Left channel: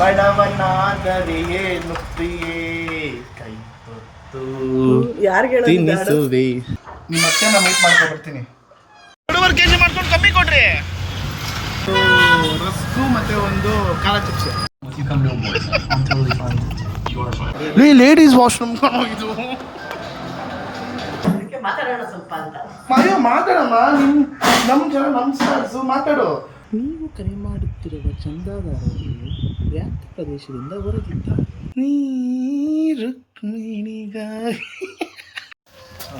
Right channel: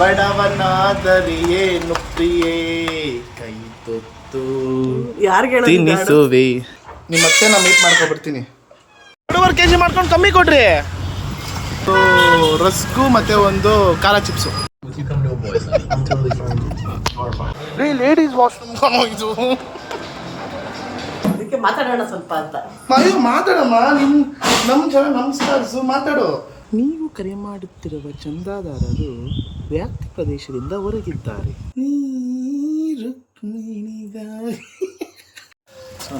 ಬಡವನಾದರಿಯೇ ನುಪ್ರಿಯೇ ಕೈ ತೊತ್ತು ತಿನ್ನಿಸುವೆ. ನಿಮ್ಮ ಅತ್ತೆನ ಮೀಟ್ ಮಾಡ್ಕೊಂಡು ಬರ್ತೀನಿ. 2.5 kg ಮಾಡ್ಕೊಂಡು ಕಮ್ಮಿ ಕೊಡ್ರಿ. ರಸ್ಕು ಮತ್ತೆ ಒಂದು ಖಾರ ಚಿಪ್ಸು. ಲೇಡೀಸ್ ವಾಶ್ರೂಮ್ ಇದು ಮಾತಾಡೋಣ ಸ್ವಲ್ಪ ಅಂತ. ಅಯ್ಯೋ ಮಾತಾಡಮ್ಮ, ನಮ್ಮ ಜನ ನಮಸ್ಕಾರಿಸು, ಮಾತಾಡು. ನೀವು ಕರೆ ಮಾಡುತ್ತಿರುವ ಚಂದಾದಾರರು ವ್ಯಾಪ್ತಿ ಪ್ರದೇಶದಿಂದ ಹೊರಗಿದ್ದಾರೆ.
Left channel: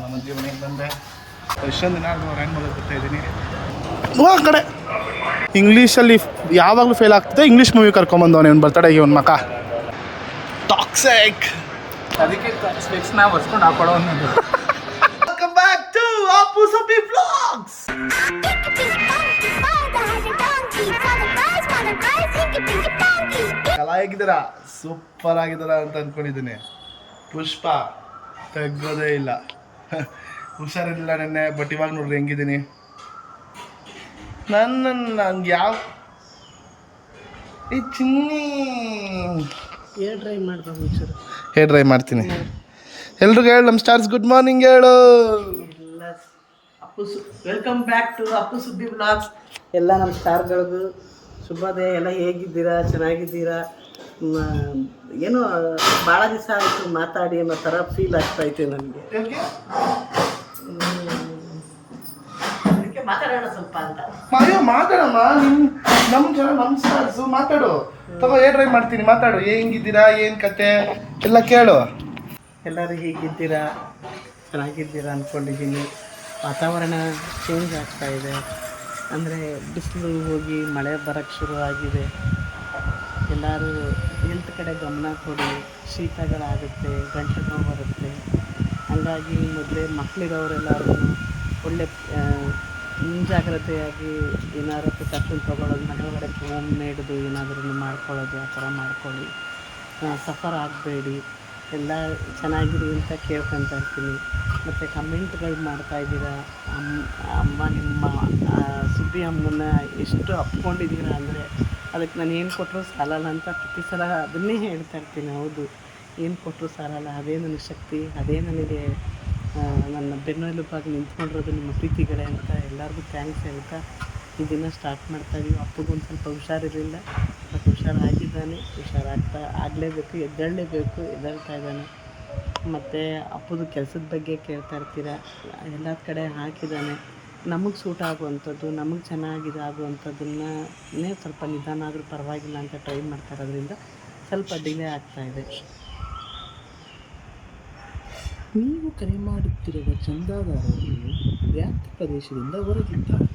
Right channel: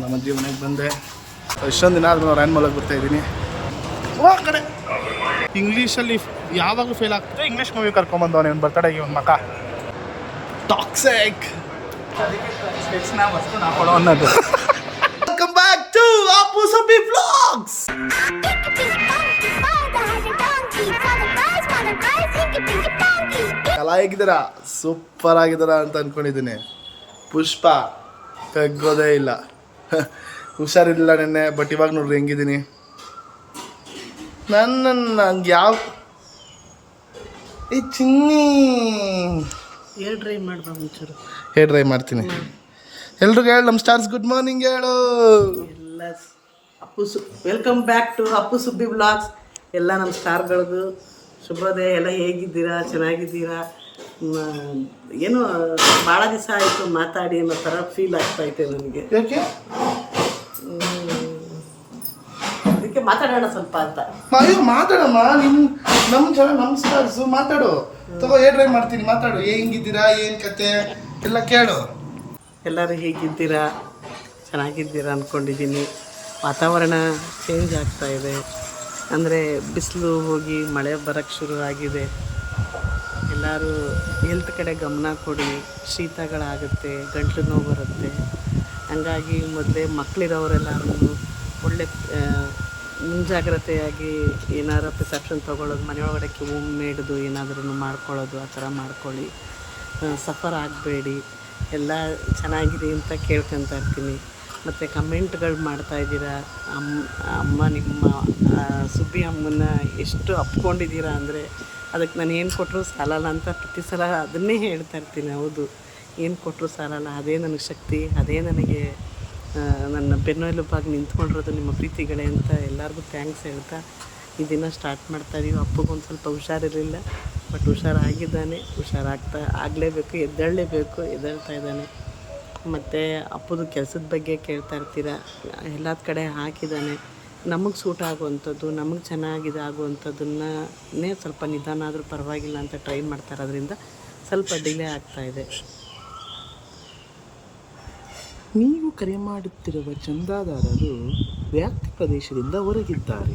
ನಮ್ಮ ಅಜ್ಜಿ ಮನೆಗೆ ಬಂದೆ. ಎಷ್ಟೊಂದು ದಿನ ಆದ್ರೂ ಅವ್ರು ಮೂಲಕ ಬರ್ತಾ ಇದ್ದೀನಿ. ಆ ಕಡೆ ಇಂಗ್ಲೀಷಲ್ಲಿ ಯಾವಾಗಲೂ ಫೇಲ್ ಆಗ್ತದೆ. ಇಂಗ್ಲೀಷ್ ಮೂವಿ ಕರ್ಕೊಂಬಂದವನೇ ಅವ್ನು ಬರ್ತಡೆಗೆ ಒಂದು ಮಕ ಟಾಕ್ಸಿಕ್. ಅದಕ್ಕೆ ಸ್ಪೆಕ್ಸ್ನ ಹೊಸ್ಕೊಂಡು ಹಾಕೊಳ್ಳೋ ಅನ್ನೋದು. Welcome back to Appu Subbi Vlogs. ಕಲಾ ಹೇಗಿದ್ದೀರಾ? ಸೂಪರ್ ಆಗಿದ್ದೀರಾ ಅಂತ ಅಂದ್ಕೊಂಡಿದ್ದೀನಿ. ಪುಷ್ಪ ತೆಗ್ಗೋದೇ ಇಲ್ಲ. ಹುಷಾರಿಲ್ಲ ನೆನ್ನೆ, ಬಟ್ ಇವಾಗ ನೋಡ್ರಿ ಹೆಂಗಿದ್ದೀನಿ. ನನ್ಗೆ ಯಾವ ಚಿನ್ನಿ ಹೇರ್ ಡ್ರೈ ಮಾಡ್ಬಾರ್ದು ಒಂಚೂರು. ಹೇರ್ ಡ್ರೈ ಮಾಡ್ತೀನಿ. ಎಲ್ರಿಗೂ ಹೇಳು ನಮ್ಮ ಸ್ಟಾರ್ಸ್ ಗುಡ್ ಮಾರ್ನಿಂಗ್ ಹೇಳು. ಎಲ್ಲ welcome back to Appu Subbi blogs. ಎಲ್ಲ ನಮ್ಮ ಸ್ಟಾರ್ಗಳಿಗೂ ಶುಭೋದಯ. ಎಲ್ಲ ಹೇಗಿದ್ದೀರಾ? ಚೆನ್ನಾಗಿದ್ದೀರಾ? ಏನು ಭಾಳ ದಿವಸ ಆಯಿತು ಮಾತಾಡಿ ಅನ್ನೋ ಥರ ಫೀಲ್ ಆಗ್ತಾಯಿತ್ತು ನನಗೆ. ಅದಕ್ಕೆ ಮಾತಾಡೋಣ ಸ್ವಲ್ಪ ಅಂತ. ಅಯ್ಯೋ ಮಾತಾಡಮ್ಮ, ನಮ್ಮ ಜನ ನಮಸ್ಕಾರಿಸು, ಮಾತಾಡು. ತಗೋ ಹೇರ್ ಡ್ರೈ ಮಾಡ್ತೀನಿ, ಮಾತಾಡು. ಹೆಂಗಿದ್ದೀರಾ, ಏನು ಕತೆ ಎಲ್ಲ ಕೇಳು. ಎಲ್ಲರೂ ಹೇಗಿದ್ದೀರಾ? ಚೆನ್ನಾಗಿದ್ದೀರಾ ಅಂದ್ಕೊಂಡಿದ್ದೀನಿ. ವಾತಾವರಣ ಚೇಂಜ್ ಆಗ್ತಾಯಿದೆ. ಅಂದರೆ ಬಿಸಿಲು ಹೋಗಿ ಮಳೆ ಬರೋಕ್ಕೆ ಶುರು ಆಗಿದೆ. ಎಲ್ಲರೂ ಹೆಲ್ತ್ ಕಡೆ ಗಮನ ಕೊಡಿ. ಶೀತಗಳಾಗುತ್ತೆ, ಗಂಟ್ಲು ನೋವು ಬರುತ್ತೆ. ಹಂಗಾಗಿ ಮೊದಲೇ ಮಕ್ಕಳಿರೋರೆಲ್ಲರೂ ಒಳ್ಳೆ ಮುಂಜಾಗ್ರತೆಯಾಗಿ ಏನಾರು ಪ್ರಿಸೆಪ್ಷನ್ ತೊಗೊಳ್ಳೋದು, ಮನೆಯೊಳಗಡೆ ಮೇಡ್ದು ಏನಾದ್ರೂ ಮಾಡ್ಕೊಳ್ಳೋದು, ಆ ಥರ ಮಾಡ್ಕೊಳ್ಳಿ. ಸಫರ್ ಆಗಬೇಡಿ. ಎಲ್ಲ ಚೆನ್ನಾಗಿದೆ ಅಂತ ಕೇಳ್ಕೊತಾ ಇರ್ತೀನಿ. ಮತ್ತು ಕಮೆಂಟ್ಗಳು ಮಾಡ್ತಾಯಿದ್ದೀರಾ. ಅಮ್ಮ ನಿಮ್ಮ ಸುಬ್ಬಿ ಅಮ್ಮನ ಎಷ್ಟು ಅಪ್ಕೊಂಡಿದ್ದೀರಾ ಅಂದರೆ ಅದಕ್ಕೆ ನಾನು ಏನು ಕೊಟ್ಟರು ಸಾಲಲ್ಲ ಅಂತ ಪ್ರತಿ ಸಲ ಅದನ್ನೇ ಹೇಳ್ತಾ ಇರ್ತೀನಿ. ಹೌದು, ಏನು ಕೊಟ್ಟರು ಸಾಲಲ್ಲ. ಅದೇ ನನಗೆ ಶಕ್ತಿ, ಅದೇ ನನಗೆ ನನ್ನ ಬೆನ್ನೆಲುಬಾಗಿ ನಿಂತ್ಕೊಂಡಿರೋದು ನಿಮ್ಮ ಪ್ರೀತಿಗಳೇ ಅಂತ ಎಲ್ಲರಿಗೂ ಥ್ಯಾಂಕ್ಸ್ ಹೇಳ್ತಾ ಈ ದಿನ ಸ್ಟಾರ್ಟ್ ಮಾಡ್ತಾಯಿದ್ದೀವಿ. ಅಪ್ಪಗೊಂದು ಸ್ವಲ್ಪ ಹುಷಾರಿರಲಿಲ್ಲ, ಬಟ್ ಹುಷಾರಾಗಿದ್ದಾನೆ. ಆಗಲೇಬೇಕು, ಎದ್ದೇಳ್ತಾ ಇದ್ದಾನೆ. ಮತ್ತು ಅಪ್ಪದು ಕೆಲಸದ ಬಗ್ಗೆ ಕೇಳ್ತಾ ಇರ್ತೀರ. ಎಲ್ಲ ಕಡೆ ಹಾಕಿದ್ದಾನೆ. ನಮಗೆ ಸೂಟ್ ಆಗುವಂಥದ್ದು, ನಮಗೆ ಚೆನ್ನಾಗಿದೆ ಆಗುವಂಥದ್ದನ್ನೇ ಸ್ವಲ್ಪ ನಿಧಾನ ಆದರೂ ಪರವಾಗಿಲ್ಲ ಅಂತ ಟ್ರೈ ಮಾಡ್ತಾ ಇರೋದ್ರಿಂದ ಸ್ವಲ್ಪ ಡಿಲೇ ಆಗ್ತಾಯಿದೆ. ನೀವು ಕರೆ ಮಾಡುತ್ತಿರುವ ಚಂದಾದಾರರು ವ್ಯಾಪ್ತಿ ಪ್ರದೇಶದಿಂದ ಹೊರಗಿದ್ದಾರೆ.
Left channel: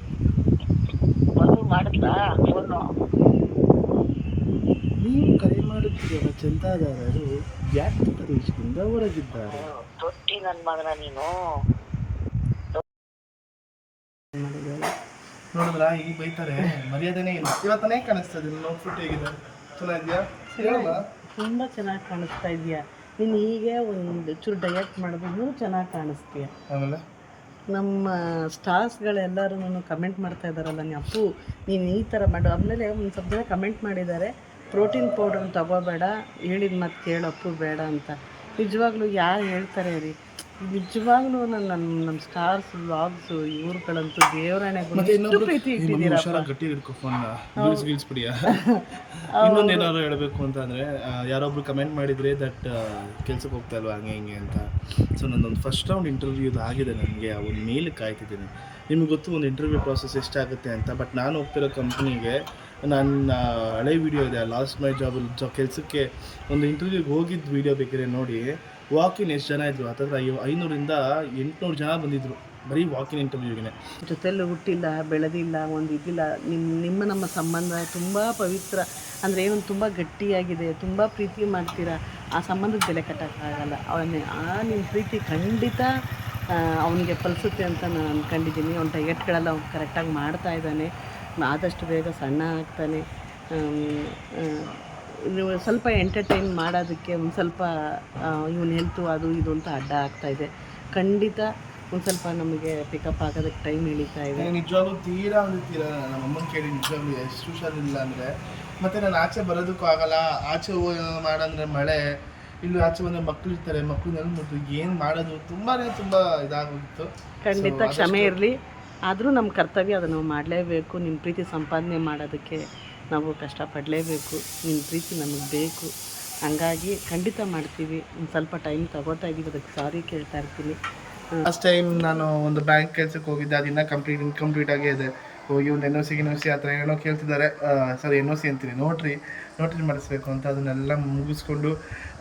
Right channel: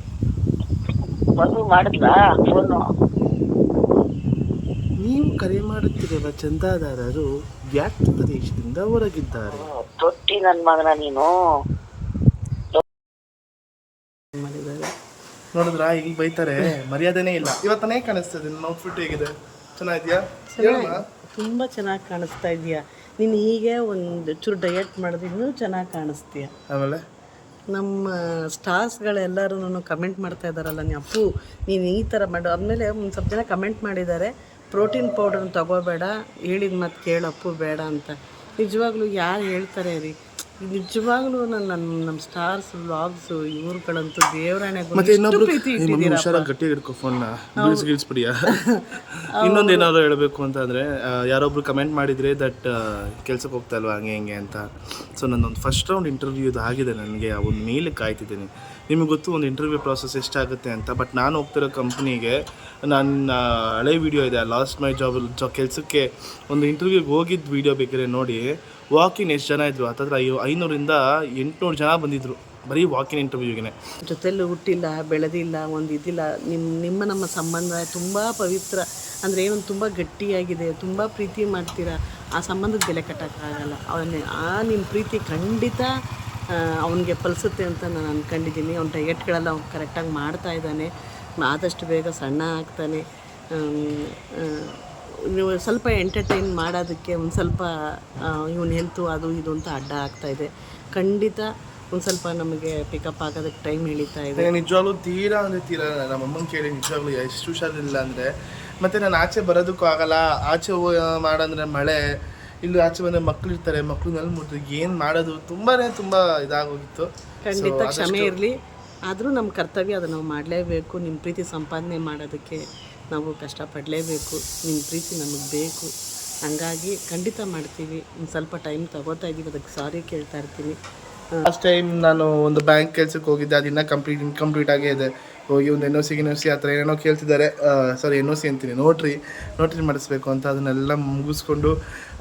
ನೀವು ಕರೆ ಮಾಡುತ್ತಿರುವ ಚಂದಾದಾರರು ವ್ಯಾಪ್ತಿ ಪ್ರದೇಶದಿಂದ ಹೊರಗಿದ್ದಾರೆ. ತೊಟ್ಟಿ ನನ್ನ ಮಗನ ನೀನು ಮಾಡಿದ್ದಾರೆ. ನೋಡಿದ್ರಾ, ಈಗ ಬೈತಾರೆ, ಮರ್ಯಾದೆನೇ ಇಲ್ಲ. ಇವತ್ತನೇ ಕಾಣಿಸ್ತದೆ. ನನ್ನ ಔಟ್ಫಿಟ್ ಹೇಗಿದೆ? ಚೆನ್ನಾಗಿದೆಯಾ? ತುಂಬ ಚೆನ್ನಾಗಿ ಕಾಣಿಸ್ತಾ ಇದೆಯಾ. ನೀನು ಹೀಗೆ ಒಂದು ಚೂರು ಡಯಟ್ ಮಾಡಿದ್ರೆ ಇನ್ನೂ ಚೆನ್ನಾಗಿ ಕಾಣಿಸ್ತೀಯ. ಆಮೇಲೆ ನಮ್ಮ ಸ್ಟಾರ್ಸ್ಗಳೆಲ್ಲರೂ ಕಮೆಂಟ್ ಮಾಡ್ತಾ ಇದ್ದಾರಲ್ಲ, ಅಪ್ಪು ನೀನು ಈ ಥರ ಮಾಡು. ಆದಮೇಲೆ ಒಂದು ಸ್ವಲ್ಪ ಜನ ಕಮೆಂಟ್ ಮಾಡಿದ್ದಾರೆ, ಪ್ರೋಟೀನ್ ಪೌಡರ್ನ ತಗೋಬೇಡ, ಹೇಳಿದ ಮಾತು ಕೇಳಪ್ಪು ಬೇಡ ಅಂತ. ನಿಜವಾಗ್ಲೂ ಯಾರು ಹೇಳ್ತಾರೆ ರೀ? ನಿಜವಾಗ್ಲೂ ನಮ್ಮ ಸ್ಟಾರ್ಸ್ ವ್ಲಾಗ್ಸು ಇವ್ರುಗಳಂತೂ ದೇವರಾಣೆಗೂ ಪ್ರೀತಿ ಇಟ್ಟಿದ್ದೀರಪ್ಪ. ಗಟ್ಟಿ ಹಿಡ್ಕೊ ಫೋನ್ನ, ಗಿಲ್ಸ್ಬಿಡಿಯಾ. ಇನ್ನೊಂದು ಏನಾದ್ರು ಹೇಳಬೇಕು ಅಂತಂದರೆ, ಯಾರೊಬ್ರು ಕಮೆಂಟ್ ಮಾಡಿದರೆ ದಟ್ ಕೆಲ್ಸಕ್ಕೆ ಹೋಗ್ತಾ ಇಲ್ವಾ ಹಂಗೆ ಹಿಂಗೆ ಅಂತ. ಸೊ ನನ್ನೊಂದು ಫಸ್ಟ್ ರೌಂಡ್ ಇಂಟರ್ವ್ಯೂದು ಆಗಿದೆ. ನನಗೆ ಆ ಒಂದು ಮೇಲ್ ಕಾಯ್ತಿದ್ದೀನಿ. ನಿಮಗೆ ಗೊತ್ತು ಒಂದು ಇಂಟರ್ವ್ಯೂ ಪ್ರಾಸೆಸ್ ಎಷ್ಟಾಗುತ್ತೆ ಅಂತ. ಬಟ್ ನಾನು ಹೋಗ್ತಿರೋ ಕಂಪ್ನಿಗೆ ನನ್ನ ಹಳೆ ವೀಡಿಯೋ ಇದೆ, ಲಾಸ್ಟ್ ಮೈ ಜಾಬ್ ಕೆಲಸಕ್ಕೆ ಒಂದು ಇಂಟರ್ವ್ಯೂಗೆ ಹೋಗಿದ್ದು ವೀಡಿಯೋ ಬೇಕಾದ್ರೆ ನೋಡಿ. ವಾಕಿನ್ ಎಷ್ಟು ಜನ ಇದ್ದರು? ಹತ್ತತ್ರ 500ರಿಂದ 800 ಜನ ಬಂದಿದ್ದರು ಬರೀ ವಾಕಿನ್ ಇಂಟರ್ವ್ಯೂಗೆ. ಜೊತೆಲಿ ಹುಟ್ಟಿಲ್ಲ, ಬೆಳೆದಿಲ್ಲ, ಒಂದು ಇದಿಲ್ಲ. ನಮ್ಮ ಸಂಬಂಧ ತುಂಬ ಪವಿತ್ರ. ಅಂದರೆ ಏನೊಂದು ತುಂಬ ಗಟ್ಟಿಯಾಗಿದೆ, ತುಂಬ ಪ್ರೀತಿ ಮಾಡ್ತೀರಾ. ಆ ಸಂಬಂಧಕ್ಕೆ ಬೆಲೆ ಕಟ್ಟೋಕ್ಕಾಗಲ್ಲ. ನಿಮ್ಮ ಪ್ರೀತಿ ಖಂಡಿತ ಅವನಿಗೆ ಫಲಿಸುತ್ತೆ ಅಂತ ನಾನು ಅಂದ್ಕೊಂಡಿದ್ದೀನಿ. ಅವ್ನ ಡಯಟ್ಗಳೆಲ್ಲ ಅವ್ನು ಕರೆಕ್ಟಾಗಿ ಮಾಡ್ತಾಯಿದ್ದಾನೆ. ಆದಷ್ಟು ಬೇಗ ಸಣ್ಣ ಆಗ್ತಾನೆ. ನೀವು ಸ್ವಲ್ಪ ಎಂಟರ್ಟೈನ್ ಮಾಡೋದಕ್ಕೆ ಒಂದು ಸ್ವಲ್ಪ ಇವನ ಹೆಲ್ತು ಅದು ಇದು ಅಂತ ಅಡ್ಡ ಆಗ್ತಾಯಿದೆ. ಖಂಡಿತ ಒಂದು ಸ್ವಲ್ಪ ನಮಗೆ ಪಿಕಪ್ ಆಗೋದಕ್ಕೆ ಟೈಮ್ ಹಿಡಿತಾ ಇದೆ. ನಿಜವಾಗ್ಲೂ ತೀರಾ ನಮ್ಮ ಅಮ್ಮನ ಕೇಳಿ ನಿಜವಾಗ್ಲೂ ಎಷ್ಟು ಹುಷಾರಿಲ್ಲ ಅಂದರೆ ಮತ್ತು ನಾನು ಆಚೆ ಬರೋದಕ್ಕೂ ಆಗಲ್ಲ. ಆಚೆ ಮಾಡಂದರೆ ಮಳೆ, ಇಲ್ಲಿ ಆಚೆ ಬಂದರೆ ಮಕ್ಳು ಇರ್ತಾರೆ, ಮಕ್ಳು ನೆಲ ಮುಟ್ಟಿದ್ರೆ ಏನು ಮಾಡೋದು, ತುಂಬ ಇದಾಗೋಗಿತ್ತು. ಖಂಡಿತ ಕ್ಷಮೆ ಇರಲಿ. ಆದರೂ ನಮ್ಮ ಕರ್ತವ್ಯ ಅದು ನಾವು ಮಾಡಲೇಬೇಕು. ನಿಮ್ಮ ಪ್ರೀತಿ ಸಂಪಾದನೆ ಮಾಡೋದಕ್ಕೆ ನಾವು ಕಷ್ಟಪಡಲೇಬೇಕು. ನಿಮ್ಮ ಪ್ರೀತಿ ನಮಗೆ ಬೇಕು. ಹಂಗಾಗಿ ಖಂಡಿತ ಮಾಡ್ತೀವಿ. ಒಂದು ಸ್ವಲ್ಪ ಟೈಮ್ ತಗೋತಾ ಇದ್ದೀವಿ, ಅದಕ್ಕೆ ಸಾರಿ ಕೇಳ್ತಾ ಇರ್ತೀನಿ. ಲಾಸ್ಟ್ ಟೈಮ್ ನಾನು ಒಂದು ಬ್ಯಾಂಕ್ ಕೆಲಸಕ್ಕೆ ಹೋಗಿದ್ದೆ, ಅದು ಇನ್ನೂ ಇನ್ಕಂಪ್ಲೀಟ್ ಆಗೇ ಇದೆ. ಹೋಗಿ ಒಂದು NOC ಆ ಥರ ಏನೇನೋ ಕೇಳ್ತಿದ್ದಾರೆ. ಸಾರಿ NOC ಅಂತೀನಿ, ನೋಟ್ರಿ ಮಾಡಿಸ್ಬೇಕು ಅಂತ. ಅದನ್ನೆಲ್ಲ ಮುಗಿಸ್ಕೊಂಡು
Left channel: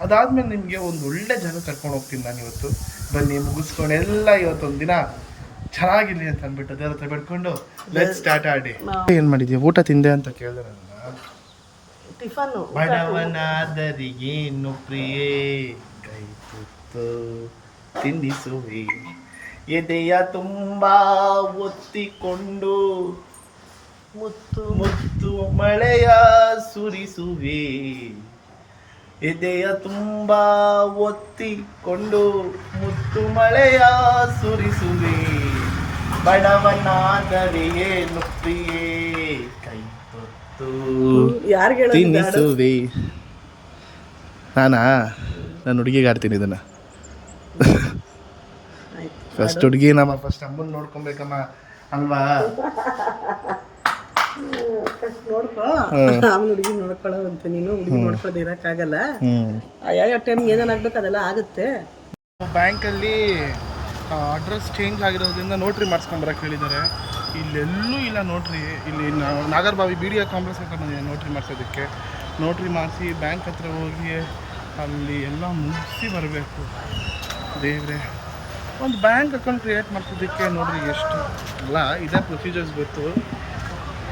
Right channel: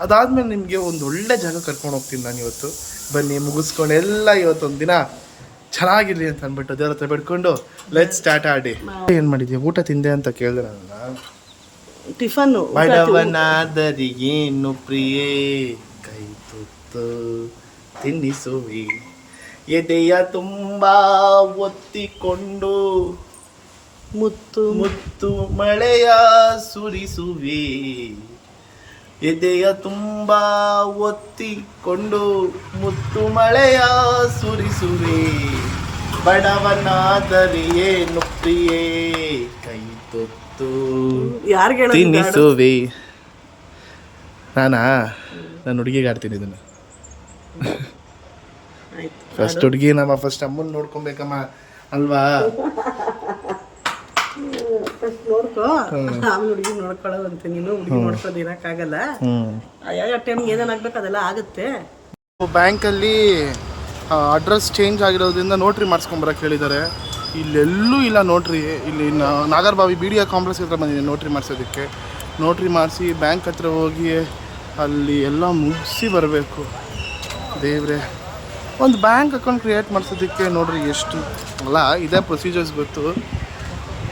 ಅದಾದಮೇಲೆ ನಿಮಗೆ ಒಂದು ಒಳ್ಳೆ ಜಾಗ ಕರ್ಕೊಂಡು ಹೋಗ್ತೀನಿ ನಾನು ಇವತ್ತು. ಬನ್ನಿ, ಮುಗಿಸ್ಕೊಂಡು ಎಲ್ಲ ಇವತ್ತೊಂದು ದಿನ ಚೆನ್ನಾಗಿರಲಿ ಅಂತ ಅಂದ್ಬಿಟ್ಟು ದೇವ್ರ ಹತ್ರ ಬಿಡ್ಕೊಂಡು ಲೆಟ್ಸ್ ಸ್ಟಾರ್ಟ್ ಆಡಿ. ಏನು ಮಾಡಿದ್ಯಾ, ಊಟ ತಿಂದೆ ಅಂತ ಕೇಳಿದ್ರೆ ಟಿಫನ್ನು ಬಡವನಾದರಿಗೇನು ಪ್ರಿಯೇ ಕೈ ತುತ್ತು ತಿನ್ನಿಸುವಿ, ಎದೆಯ ತುಂಬ ಒತ್ತಿಕೊಂಡು ಮುತ್ತು ಮಳೆಯ ಸುರಿಸುವೆ, ಎದೆಯ ತುಂಬ ಒತ್ತಿಕೊಂಡು ಮುತ್ತು ಮಳೆಯ ಸುರಿಸುವೆ, ಬಡವನಾದರೆ ಏನು ಪ್ರಿಯೇ ಕೈ ತುತ್ತು ತಿನ್ನಿಸುವೆ. ನಾನು ಹುಡುಗಿಗೆ ಆಡ್ತೀನಿ ಇದನ್ನು. ಫಸ್ಟ್ ಹುಡುಗಿ ಫಸ್ಟ್ ಅಮ್ಮನ ನೋಡ್ಕೊಬೇಕಮ್ಮ ಅಲ್ವಾ? ನೋಡ್ಕೊ, ಆಮೇಲೆ ಹುಡುಗಿ ನೋಡ್ಕೊಳ್ಳೋದಂತೆ. ನೀನು ಹುಡುಗಿ ನೋಡ್ಕೊಳ್ಳೋದು ಇರೋಕ್ಕಾಗಲ್ಲ. ಯಾವ ಟೈಮ್ಗೆ ಏನೇನಾಗಬೇಕು ಅದೆಲ್ಲ ಆಗುತ್ತೆ. ಬ್ಯಾಂಕಲ್ಲಿ ಅಡ್ರೆಸ್ ಚೇಂಜ್ ಆಗಿರೋದ್ರಿಂದ ನೋಟ್ರಿ ಮಾಡಿಸ್ಕೊಂಬರಕ್ಕೆ ಹೇಳಿದ್ದಾರೆ. ಇಲ್ಲೆಲ್ಲೂ ಇಲ್ಲ ನೋಟ್ರಿ. ಇಲ್ಲಿ ನಾಗರಬಾವಿ BDA ಕಾಂಪ್ಲೆಕ್ಸ್ ಹತ್ರ ಬಂದಿದ್ದೀನಿ ನೋಟ್ರಿ ಮಾಡಿಸೋದಕ್ಕೆ. ನೋಟ್ರಿ ಮಾಡಿಸಿ ಬ್ಯಾಂಕ್ ಹತ್ರ ಹೋಗಿ ಅಲ್ಲಿ ಎಲ್ಲ ಮುಗಿಸಿ ಬರಬೇಕು. ದೇವ್ರೆ, ಒಂದು ಬ್ಯಾಂಕ್ ಅಕೌಂಟ್ ಕ್ರಿಯೇಟ್ ಮಾಡಿಸೋದಕ್ಕೆ ನೋಡ್ರಿ ಎಷ್ಟು ಅಲ್ಲ, ಇದೇ ಪ್ರೊಸೀಜರ್ಸ್ ಗೊತ್ತು.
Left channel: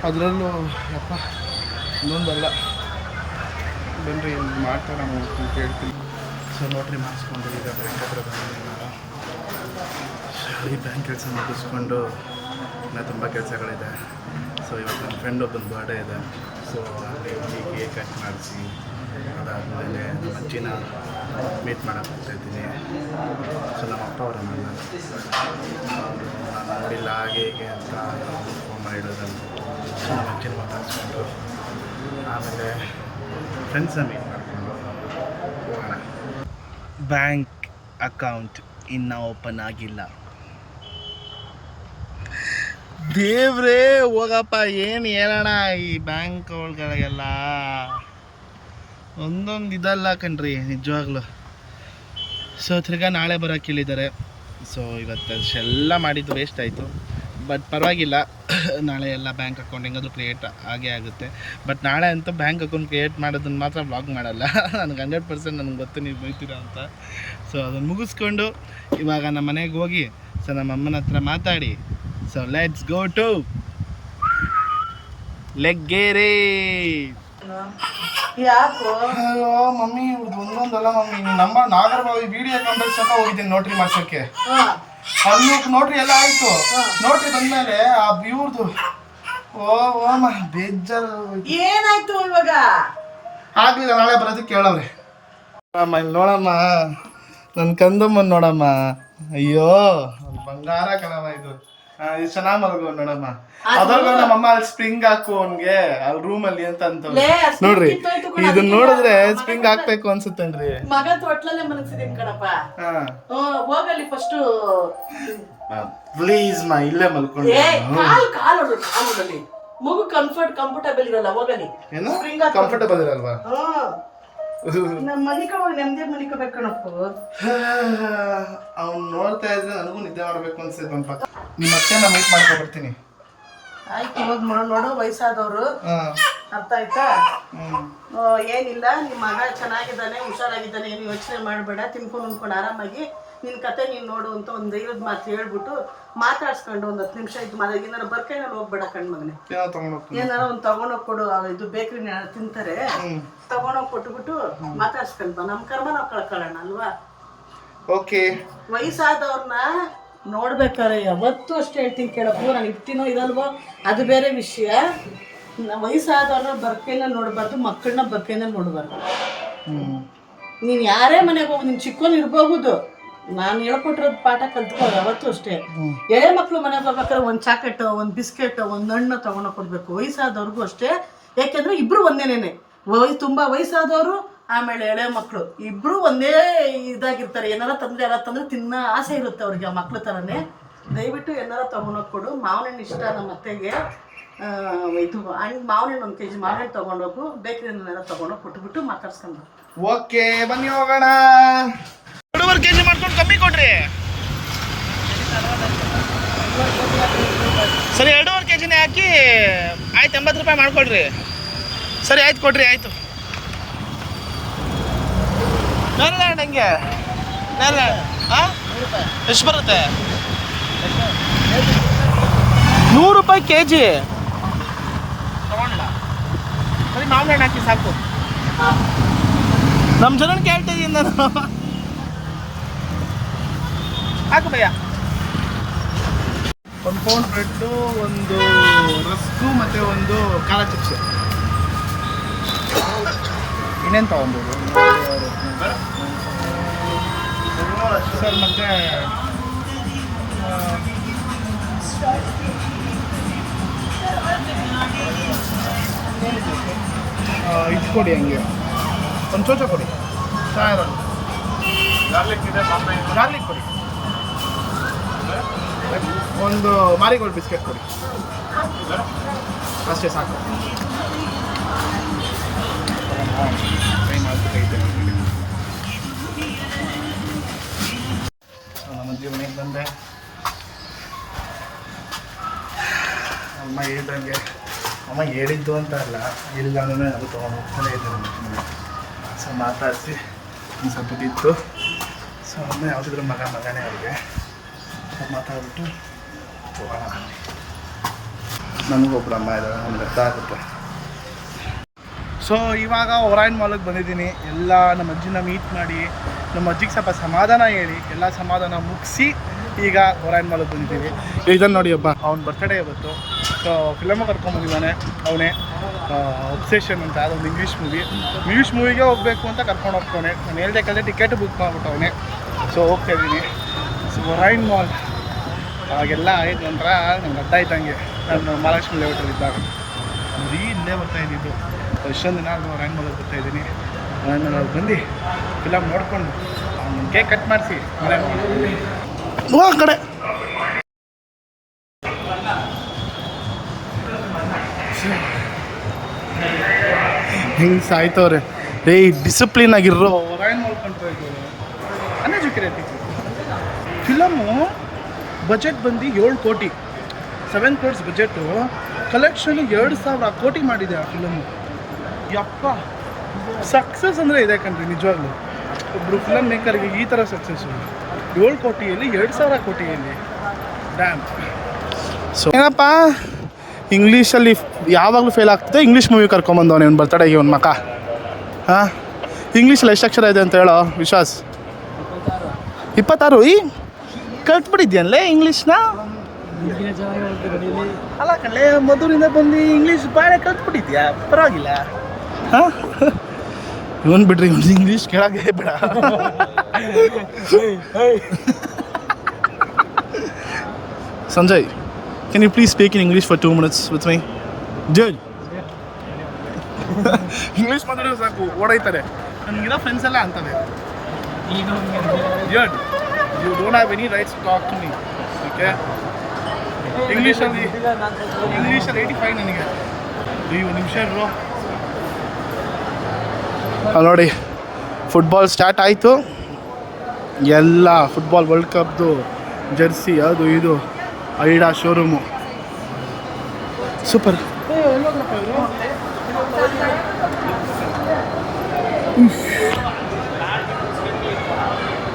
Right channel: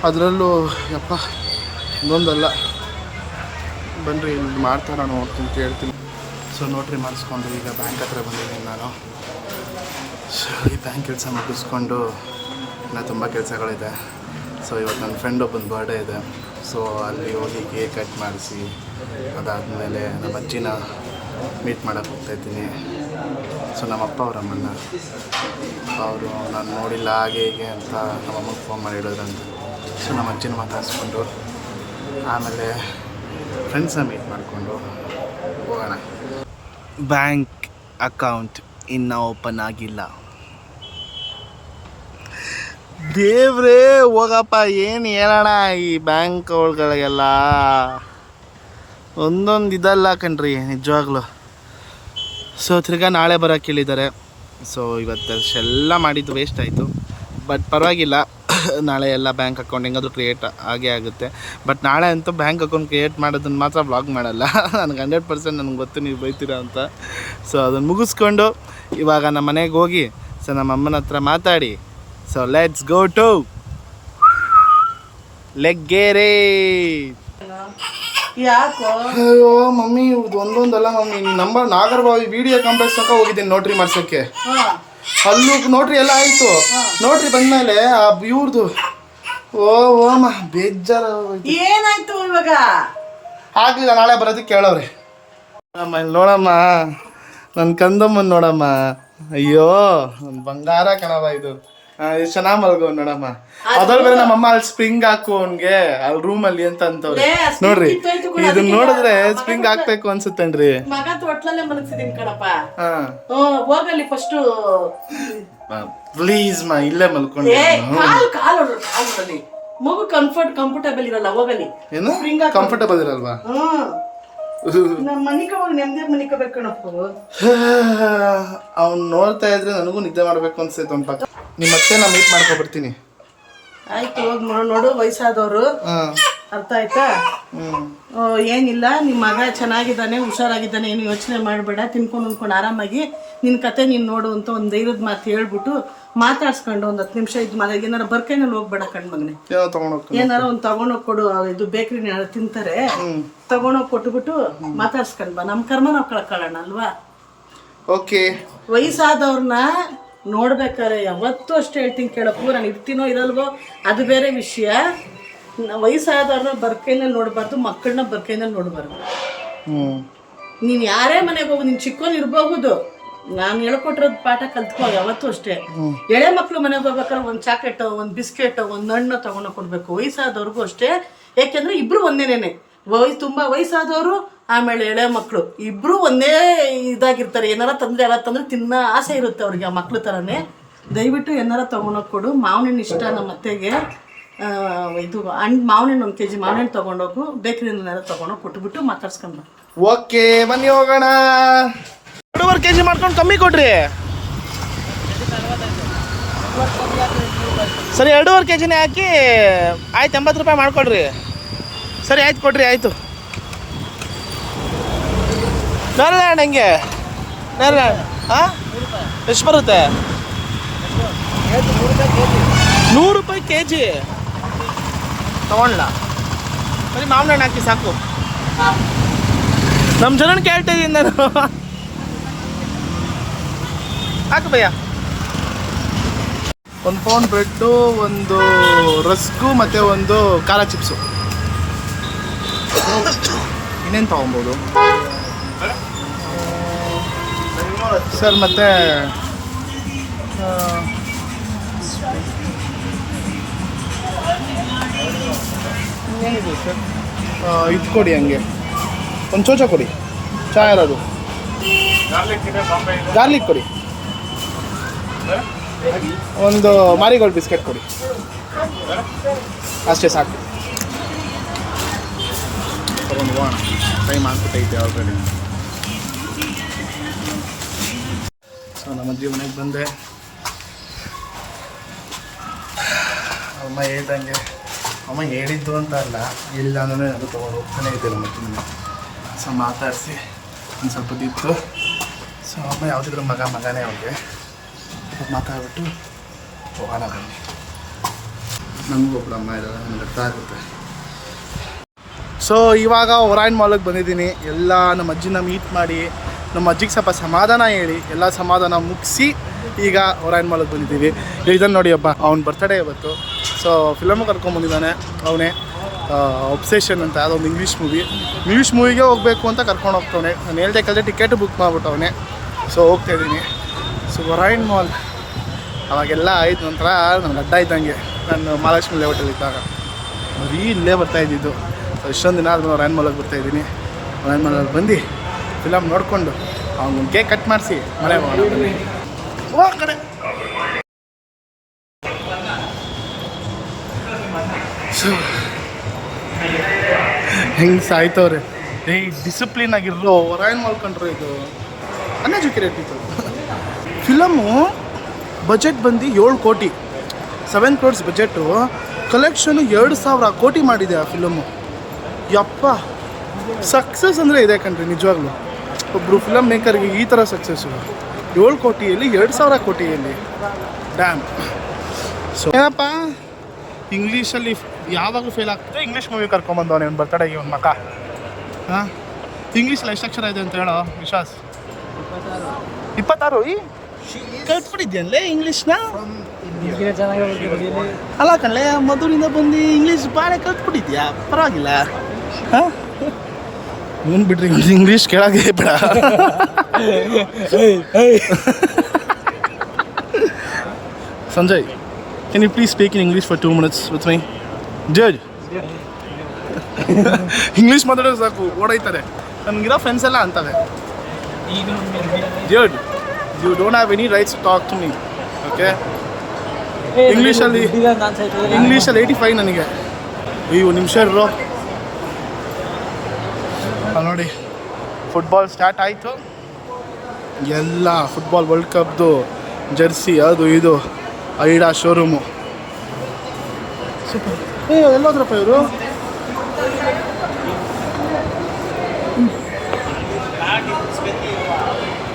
ಅದರಲ್ಲೂ ಯಪ್ಪ ಇನ್ನೊಂದಲ್ಲ. ಬನ್ನಿರಿ ಇಲ್ಲಿ ಮಾಡ್ತಾರ ನೋಡ್ತೀನಿ ಅಂತ ಹೇಳ್ತೀನಿ. ಸೊ ನೋಟ್ರಿ ಮಾಡಿಸ್ಕೊಂಡು ಈಗ ಬ್ಯಾಂಕ್ ಹತ್ರ ಬಂದಿದ್ದೀನಿ ನಾನು. ಸೊ ಈ ಬ್ಯಾಂಕ್ ಕೆಲಸ ಮುಗಿಸ್ಕೊಂಡು ಇನ್ನೂ ತುಂಬ ಕೆಲಸಗಳಿದೆ. ಸೊ ಇವತ್ತು ನನ್ನ ಫ್ರೆಂಡ್ ಒಬ್ಬನ ಬರ್ಡೇ ಇದೆ. ಸೊ ಅಲ್ಲಿ ಹೋಗಿ ಕೇಕ್ ಕಟ್ ಮಾಡಿಸಿ ಅದಾದಮೇಲೆ ನಮ್ಮ ಅಜ್ಜಿನ ಮೀಟ್ ಮಾಡೋಕ್ಕೆ ಹೋಗ್ತಾಯಿದ್ದೀನಿ. ಸೊ ನಮ್ಮಪ್ಪ ಅವರಮ್ಮನ್ನ ಅವರು ನಾನು ನೋಡಿಲ್ಲ ಹಾಗೆ ಹೀಗೆ ಅಂತ ನಮ್ಮಮ್ಮಗೆ ಫೋನ್ ಮಾಡಿ ಹೇಳಿದ್ರಂತೆ. ಸೊ ನಮ್ಮ ಅಜ್ಜಿನ ಮಾತಾಡಿಸ್ಕೊಂಡು ಆಮೇಲೆ ಫ್ರೆಂಡ್ಸನ್ನ ಮೀಟ್ ಮಾಡಿಕೊಂಡು ಹೋಗೋಣ. ಬ್ಯಾಂಕ್ ಅಕೌಂಟ್ ಇನ್ನೂ ಓಪನ್ ಆಗಿಲ್ಲ. ದೇವ್ರೇ ಹೋಗಪ್ಪ, ಏನು ಹೇಳೋಣ ಈ ಬ್ಯಾಂಕ್ಗಳಿಗೆಲ್ಲ ಒಂದೊಂದು ಇದಲ್ಲ ಕಣ್ರಿ ನಿಜವಾಗ್ಲೂ. ಸೊ ತಿರ್ಗಾ ನಾಳೆ ಬರೋಕ್ಕೆ ಹೇಳಿದ್ದಾರೆ. ಸೊ ಇವತ್ತು ಎಲ್ಲ ಮಾಡಿದ್ದು ವೇಸ್ಟ್ ಆಯಿತು. ಬಟ್ ಪರವಾಗಿಲ್ಲ, ನಾಳೆ ಎಲ್ಲ ಬ್ಯಾಂಕ್ ಅಕೌಂಟ್ ಹೆಂಗಾದರೂ ಕ್ರಿಯೇಟ್ ಆಗೇ ಆಗುತ್ತೆ. ಬಟ್ ನಾಳೆ ಅಂತೂ ಬ್ಯಾಂಕ್ ಅಕೌಂಟ್ ಕ್ರಿಯೇಟ್ ಮಾಡೋದನ್ನು ಮಾತ್ರ ವ್ಲಾಗ್ ಮಾಡಲ್ಲ. ನನಗೆ 100% ನನಗೆ ಗೊತ್ತು ನೀವು ಬೈತೀರಾ ಅಂತ. ಸೊ ಅದನ್ನು ಮುಗಿಸ್ಕೊಂಡು ಇವಾಗ ನಮ್ಮ ಮನೆಗೆ ಹೋಗಿ ಸೊ ನಮ್ಮ ಅಮ್ಮನ ಹತ್ರ ಮಾತಾಡಿ so let's go to Laggere. ಅಯ್ಯೋ ಮಮ್ಮಿ, ಇದು ಒಂದೊಂದಲ್ಲ mummy. Number Nagarbhavi BDA complex ತನಕ ಹೋಗಿದ್ದೀನಿ ನೋಟ್ರಿ ಮಾಡ್ಸೋಕ್ಕೆ. ಅಲ್ಲೂ ನೋಟ್ರಿ ಎಲ್ಲ ಆಯಿತು. ನೋಟ್ರಿ ಬಂದಮೇಲೆ ಆ ಇವ್ರದ್ದು ಓಮ ಬೇಜಾರು ಏನಾಯ್ತು ಇವಾಗ? ಆಗಲಿಲ್ಲ, ನಾಳೆ ಬರೋದಕ್ಕೆ ಕೇಳವ್ರೆ. ಅಮ್ಮ ಇಲ್ಲಿ ನೋಡಮ್ಮ, ನನ್ನ ಕಂದಮ್ಮನ ನೋಡಮ್ಮ. ಅಯ್ಯೋ ಬಂಗಾರ ಕಣವ ಇದು. ಎಷ್ಟು ಚೆನ್ನಾಗಿ ಮಲ್ಗೋ ನೋಡಮ್ಮ. ಅದ್ರಲ್ಲಿ ನಮ್ಮಮ್ಮ ಅಲ್ಲಿ ಸ್ಪ್ರಿಂಗ್ ಹಾಕು ಅವನ್ಗೆ ಅಲ್ಲಿ ರೂಮಲ್ಲಿ ಅಂತ ಅಂತವ್ರೆ. ನೋಡ್ರಿ ಇದನ್ನ ನೋಡಿದ್ರೆ ಸ್ಪ್ರಿಂಗ್ ಹಾಕ್ಬೇಕು ಅನ್ಸುತ್ತೇನ್ರಿ. ಮಗ ತೊಟ್ಲಲ್ಲೇ ಮನಗ್ಸಿದೀನಿ ಕಣಪ್ಪ. ಹೋಗಲಿ ಫಸ್ಟ್ ಪ್ಲೀಸ್ ಮಾ, ಇಲ್ಲೇ ಮಲ್ಕೊಂಡೆ. ಮಗು ಕಂಫರ್ಟಬಲ್ ಇರಲ್ಲ. ಹೋಗಲಿ. ಏನು ಕಂಫರ್ಟಬಲ್ ಇರಲ್ವಾ? ಅವ್ನು ನೋಡ್ತಾ ಇದ್ರೆ ನನಗೂ ನಿದ್ದೆ ಮಾಡ್ಬೇಕು ಅನ್ಸೈತೆ. ಒಂದು ಪಕ್ಕ ನಿಮ್ಮ ಅತ್ತೆನ ಮೀಟ್ ಮಾಡ್ಕೊ ಬರ್ತೀನಿ. ಆಯ್ತು, ಹೋಗಿ ನೋಡು. ವಯಸ್ಸಾದವರು, ಅರ್ಥ ಆಯ್ತಾ? ಏನಿಲ್ಲ, ನಿಮ್ಮ ಮಗ ಚೆನ್ನಾಗಿದ್ದಾನೆ, ಹುಷಾರಾಗಿದ್ದಾನೆ, ಏನು ಯೋಚನೆ ಮಾಡಬೇಡ. ತಿನ್ಕೊಂಡು ಉಣ್ಕೊಂಡು ಆರಾಮಾಗಿ ನಿನ್ನ ಕತೆ ನೀನು ನೋಡು ಅಂತ ಒಂದು ಧೈರ್ಯದ ಮಾತು ಹೇಳ್ಬಿಟ್ಟು ಮಾತಾಡ್ಸ್ಕೊಂಡು ಒಂದು 10 ನಿಮಿಷ ಇದು ಮಾಡಿ. ಏನಾರ ಬರ್ಕೈನಲ್ಲಿ ಹೋಗ್ಬೇಡ ಕಣ್ಮಗನೆ. ಏನಾರ ಒಂದು ತಗೊಂಡೋಗಿ ಕೊಡು. ಇದು ಬೇಕ್ರಿನ ಯಾರು ತಿಂತಾರೆ, ತಗೊಂಡೋಗಿ ಕೊಟ್ಬಿಟ್ಟು ಮಾತಾಡ್ಸ್ಕೊಂಡ್ ಬಾ. ನಮ್ಮ ಕರ್ಮ ನಾವು ಕಳ್ಕೊಳ್ಳೋಣ ಅಲ್ವಾ? ಓಕೆ. ವಯಸ್ಸಾದವ್ರನ್ನ ನೋಡ್ಬೇಕಾದ್ರೆ ಯಾವತ್ತೂ ಅಷ್ಟೇ ಹೇಳ್ತೀನಿ ಕೇಳಪ್ಪು. ನಾನು ಇರ್ತೀನೋ ಇರಲ್ವೋ ಅದು ಬೇರೆ ವಿಷಯ. ವಯಸ್ಸಾದವ್ರನ್ನ ಬರ್ಕೈನಲ್ಲಿ ನೋಡಬಾರ್ದು, ಮಕ್ಕಳನ್ನ ಬರ್ಕೈನಲ್ಲಿ ನೋಡಬಾರ್ದು. ನೀನು ಯಾರೇ ಮನೆಗೆ ಹೋಗು, ನೀನು ಚಿಕ್ಕೋನ್ ಇರಬಹುದು, ನಾನು ಹೇಳ್ಕೊಟ್ಟಿರೋದು ಪಾಠ ಕಲ್ತ್ಕೋ. ಯಾವತ್ತೂ ಅಷ್ಟೇ ಎಳೆ ಮಕ್ಕಳು ಮನೆಗೆ ಹೋಗ್ಬೇಕಾದ್ರೆ ಒಂದು ಚಾಕೆಟ್, ಒಂದು ಬಿಸ್ಕೆಟ್, ಒಂದು ಹಣ್ಣು ತೊಗೊಂಡು ಕೊಡಬೇಕು. ವಯಸ್ಸಾದವ್ರಿಗೂ ಅಷ್ಟೇ ಏಕೆಂದರೆ ಇಬ್ಬರು ಒಂದೇನೇನೆ, ತುಂಬ ವಯಸ್ಸಾದವರು ಆಮೇಲೆ ಎಳೆ ಮಕ್ಕಳು ಇಬ್ಬರು ಒಂದೇ ಇದಾಗಿರ್ತಾರೆ. ಏನಾರ ತಂದರೆ ಎಲ್ಲ ತಂದರೆ ತಿನ್ನೋ ಆಸೆ ಇರುತ್ತೆ ಅವ್ರಿಗೆ, ಆ ಮಕ್ಳ ಥರನೇ. ದಯವಿಟ್ಟು ಏನಾರ ತೊಗೊಂಡೋಗಿ ಕೊಡು. ಮಾವಿನ ಇಷ್ಟ ನಮ್ಮ ಅತ್ತೆಗೆ. ಇದು ಮಾವಿನ 1 kg ಮಾವಿನ ತೊಗೊಂಡೋಗು, ಬೇಕ್ರಿನೆಲ್ಲ ತೊಗೊಂಡೋಗಿ ಕೊಟ್ಬಿಟ್ಟು ಮಾತಾಡ್ಸ್ಕೊಂಡು. ಓಕೆ ಬನ್ನಿ ಹೋಗೋಣ. 2.5 kg ಮಾಡ್ಕೊಂಡು ಕಮ್ಮಿ ಕೊಡ್ರಿ. ಸರಿ 2.5 kgನೇ ಹಾಕಿ ಆಯ್ತು, 80 ರೂಪಾಯಿ ಮಾಡ್ಕೊಡ್ರಿ. ಸರಿ ಆಯ್ತು ಕೊಡ್ರಿ, ಆಯಿತು. ಬೇರೆ ಹೆಂಗೆ ಬೇರೆ ಹಾಂ ಎಷ್ಟು ಬರುತ್ತೆ? 100 ರೂಪಾಯಿ kg ತೊಗೊಳ್ಳ. ಬರೀ ಮಾವಿನ ಹಣ್ಣು ಹಾಕಿ ಸಾಕು. ನಮ್ಮ ಜನನ ಕೇಳ್ತಾ ಇದ್ದೀನಿ ನಾನು. ಹಾಕು ಭಯ್ಯ. 1 ಪೌಂಡ್ ಬ್ರೆಡ್ಡು, 1 ರಸ್ಕು ಮತ್ತು 1 ಖಾರ ಚಿಪ್ಸು. ಇನ್ನೇನು ತೊಗೊಬೋದು ಸರ್? ಮತ್ತು ಏನಿದೆ ಸರ್? ಇದು ಕೊಡಿ, ಹಂಗೆ 1 ಚೋಚ ಕೊಡಿ, ಚಾ ಇರೋದು. ಗಾರ್ಲಿಕ್ ಕೊಡಿ. 1 ಮಾರಿಗೋಲ್ಡ್ ಬಿಸ್ಕೆಟ್ ಕೊಡಿ. ಅಷ್ಟೇ ಸಾಕು. ತೊಗೊಂಡು ಹೋಗೋಣ, ಟೈಮ್ ಆಗ್ಬಿಟ್ಟೈತೆ ಆಲ್ರೆಡಿ. ಸೊ ನಮ್ಮ ಅಜ್ಜಿ ಮನೆಗೆ ಬಂದೆ. ಅಮ್ಮ ಹೇಳ್ದಂಗೆ, ಅಮ್ಮ ಹೇಳಿದ್ದು ಅಂತ ಅಲ್ಲ, ಇಲ್ಲ ಅಂದರೆ ಅದು ತೊಗೊಂಡು ಹೋಗ್ತಾನೆ ಇದ್ದೆ ನಮ್ಮ ಅಜ್ಜಿ ಮನೆ. ಸೊ ಮಾತಾಡಿಸಿ ಒಂದು ಸ್ವಲ್ಪ ದಿತ್ತು. ಸೊ ಅಮ್ಮ ಯಾವುದಿದ್ರು ಮಗನೇ ಅವ್ರಿಗೆ ಮಾತಾಡ್ಬಿಟ್ಟು ಹೋಗೋಣ ಬನ್ನಿ. ನನಗೊಬ್ರು ಅಮ್ಮ ಇದ್ದಾರೆ, ನನಗೆ ಅರ್ಥ ಆಗುತ್ತೆ. ಸೊ ಇವಾಗ ಒರಾಯನ್ ಮಾಲಿಗೆ ಬಂದಿದ್ದೀನಿ. ಎಲ್ಲ ನಮ್ಮ ಅಜ್ಜಿನ ಮೀಟ್ ಮಾಡಿ, ನಮ್ಮ ಅಜ್ಜಿಗೆ ಸ್ವಲ್ಪ ಸಮಾಧಾನ ಹೇಳಿ, ಎಲ್ಲ ಸಮಾಧಾನ ಮುಗಿಸಿ ಈಗ ಒರಾಯನ್ ಮಾಲಿಗೆ ಬಂದಿದ್ದೀವಿ. ಇದನ್ನು ನೋಡಿ ಹಬ್ಬ, ಅವ್ನ ಬರ್ತಡೇ ಇವತ್ತು. ಸೊ ಫಿಲಮು ಕರ್ಕೊಂಬಂದಿದ್ದಾನೆ ಅವನೇ, ಒಬ್ಸೆಷನ್ ಅಂತ, ಅದೊಂದು ಇಂಗ್ಲೀಷ್ ಮೂವಿಗೆ ಹೋಗಬೇಕು ಅಂತ ಕರ್ಕೊಂಡು ಹೋಗ್ತವನೆ. ನಾನು ಹೇಳ್ದೆ ಕಲ್ದೆ ಟಿಕೆಟ್ ಬುಕ್ ಮಾಡಿಬಿಟ್ಟವನೆ. ಸೊ ಹೋಗ್ತಾಯಿದ್ದೀನಿ. ಸೊ ಒರಾಯನ್ ಮಾಲ್ ಅವಾಗೆಲ್ಲ ಆಯ್ತು ನಂತರ ನನಗೆ ಅಡ್ಡ ಇದ್ದಂಗೆ. ನಾನು ಮಹಾಲಕ್ಷ್ಮಿ ಲೇಔಟಲ್ಲಿ ಇದ್ದಾಗ ಬರೀ ಇಲ್ಲೇ ಬರ್ತಾಯಿದ್ದಿದ್ದು. ಇಷ್ಟೊಂದು ದಿನ ಆದ್ರೂ ಒರಾಯನ್ ಮಾಲಿಗೆ ಬರ್ತಾಯಿದ್ದೀನಿ. ಒರಾಯನ್ ಮಾಲಲ್ಲಿ ಬಂದು ಫಿಲಮ್ ನೋಡಿಕೊಂಡು ಅವ್ನು ಕೇಕ್ ಕಟ್ ಮಾಡಿಸಿ ಮನೆಗೆ ಹೋಗೋಣ ಬನ್ನಿ. ಕಡೆ ಹೆಂಗೆ ಸಾಯ್ತವ್ರೆ. ಡಿಸಿಪ್ಲಿನ್ ಆಗಿರೋ ಒರಾಯನ್ ಮಾಲ್ ಕಂಡ್ರೆ ಇದು ಅನ್ಎಜುಕೇಟೆಡ್ ಪೀಪಲ್. ಫಿಲಮು ಬಜೆಟ್ ಬಂದು 7 ಕೋಟಿ, 7 crores ಬಜೆಟು. ಕಲೆಕ್ಷನು 2,000 ಕೋಟಿ ಮಾಡಿದೆ ಆ ಫಿಲಮು. ಯಪ್ಪ, ಸಕ್ಸಸ್ ಅಂದರೆ ಇದೆ ಕಣ್ರಿ ನಿಜವಾಗ್ಲೂ. ಒಬ್ಬರು ಫಿಲಮ್ ಮೇಕರ್ಗೆ ಈ ಥರ ಸಕ್ಸಸ್ಸು 7 ಕೋಟಿಯಲ್ಲಿ 2,000 ಕೋಟಿಯಲ್ಲಿ. ಡ್ಯಾಮ್. ಸೊ ಏನಪ್ಪ, ಇಂಗ್ಲೀಷಲ್ಲಿ ಯಾವಾಗಲೂ ಫೇಲ್ ಆಗ್ತದೆ. ಇಂಗ್ಲೀಷ್ ಮೂವಿ ಕರ್ಕೊಂಬಂದವನೇ ಅವ್ನು ಬರ್ತಡೆಗೆ ಒಂದು ಮಕ. ಹಾಂ, ಇಂಗ್ಲೀಷಲ್ಲಿ ಎಷ್ಟು ಅಕ್ಷರ ಇದೆ ಅಂತ ಹೇಳೋ ವಿಶ್ವಾಸ್? 26. ಕಲ್ತ್ಬಿಟ್ಟಿದ್ಯಲ್ಲೇ ಇಂಗ್ಲೀಷ್ನ? ಅಲ್ಲ ಕಣಲೆ, ಮಧುರಿಂದ ಬಂದು ಇಂಗ್ಲೀಷ್ ಭಾಳ ಕಲ್ತ್ಬಿಟ್ಟಿದ್ಯಾ, ಪರವಾಗಿಲ್ಲ. ಹಾಂ, ಇವನು ಬಿಡ್ರಿ, ಒಂದು ಇಂಗ್ಲೀಷ್ ಕೇಳಾಗೆ ಬಿಡ. Sanjay, can you please speak in English for 2 minutes with me? Judge. English ಮಾತಾಡೋದು ಸಾಕು ಓಡೈತಾರೆ. ನನಗಿರೋ ಫ್ರೆಂಡ್ಸ್ ಎಲ್ಲ ಅಂತವೆ, Judge, you don't have any rights to talk to me. Okay, ಇಂಗ್ಲೀಷಲ್ಲಿ 85 ನನಗೆ. ಅಯ್ಯೋ ನಿಮಿಷ ಇರೋ. ನೋಡಿ, ಫುಟ್ಬಾಲ್ ಸ್ಟಾರ್ಟ್ ಆಯಿತು. ಎಲ್ಲ ಫುಟ್ಬಾಲ್ ವರ್ಲ್ಡ್ ಕಪ್ದು ಜರ್ಸಿ ಅದು ಇದು ಐಡಾ ಶೋರೂಮು. ಸೂಪರ್. ಎಲ್ಲೋದ್ರಪ್ಪ ಇವರು?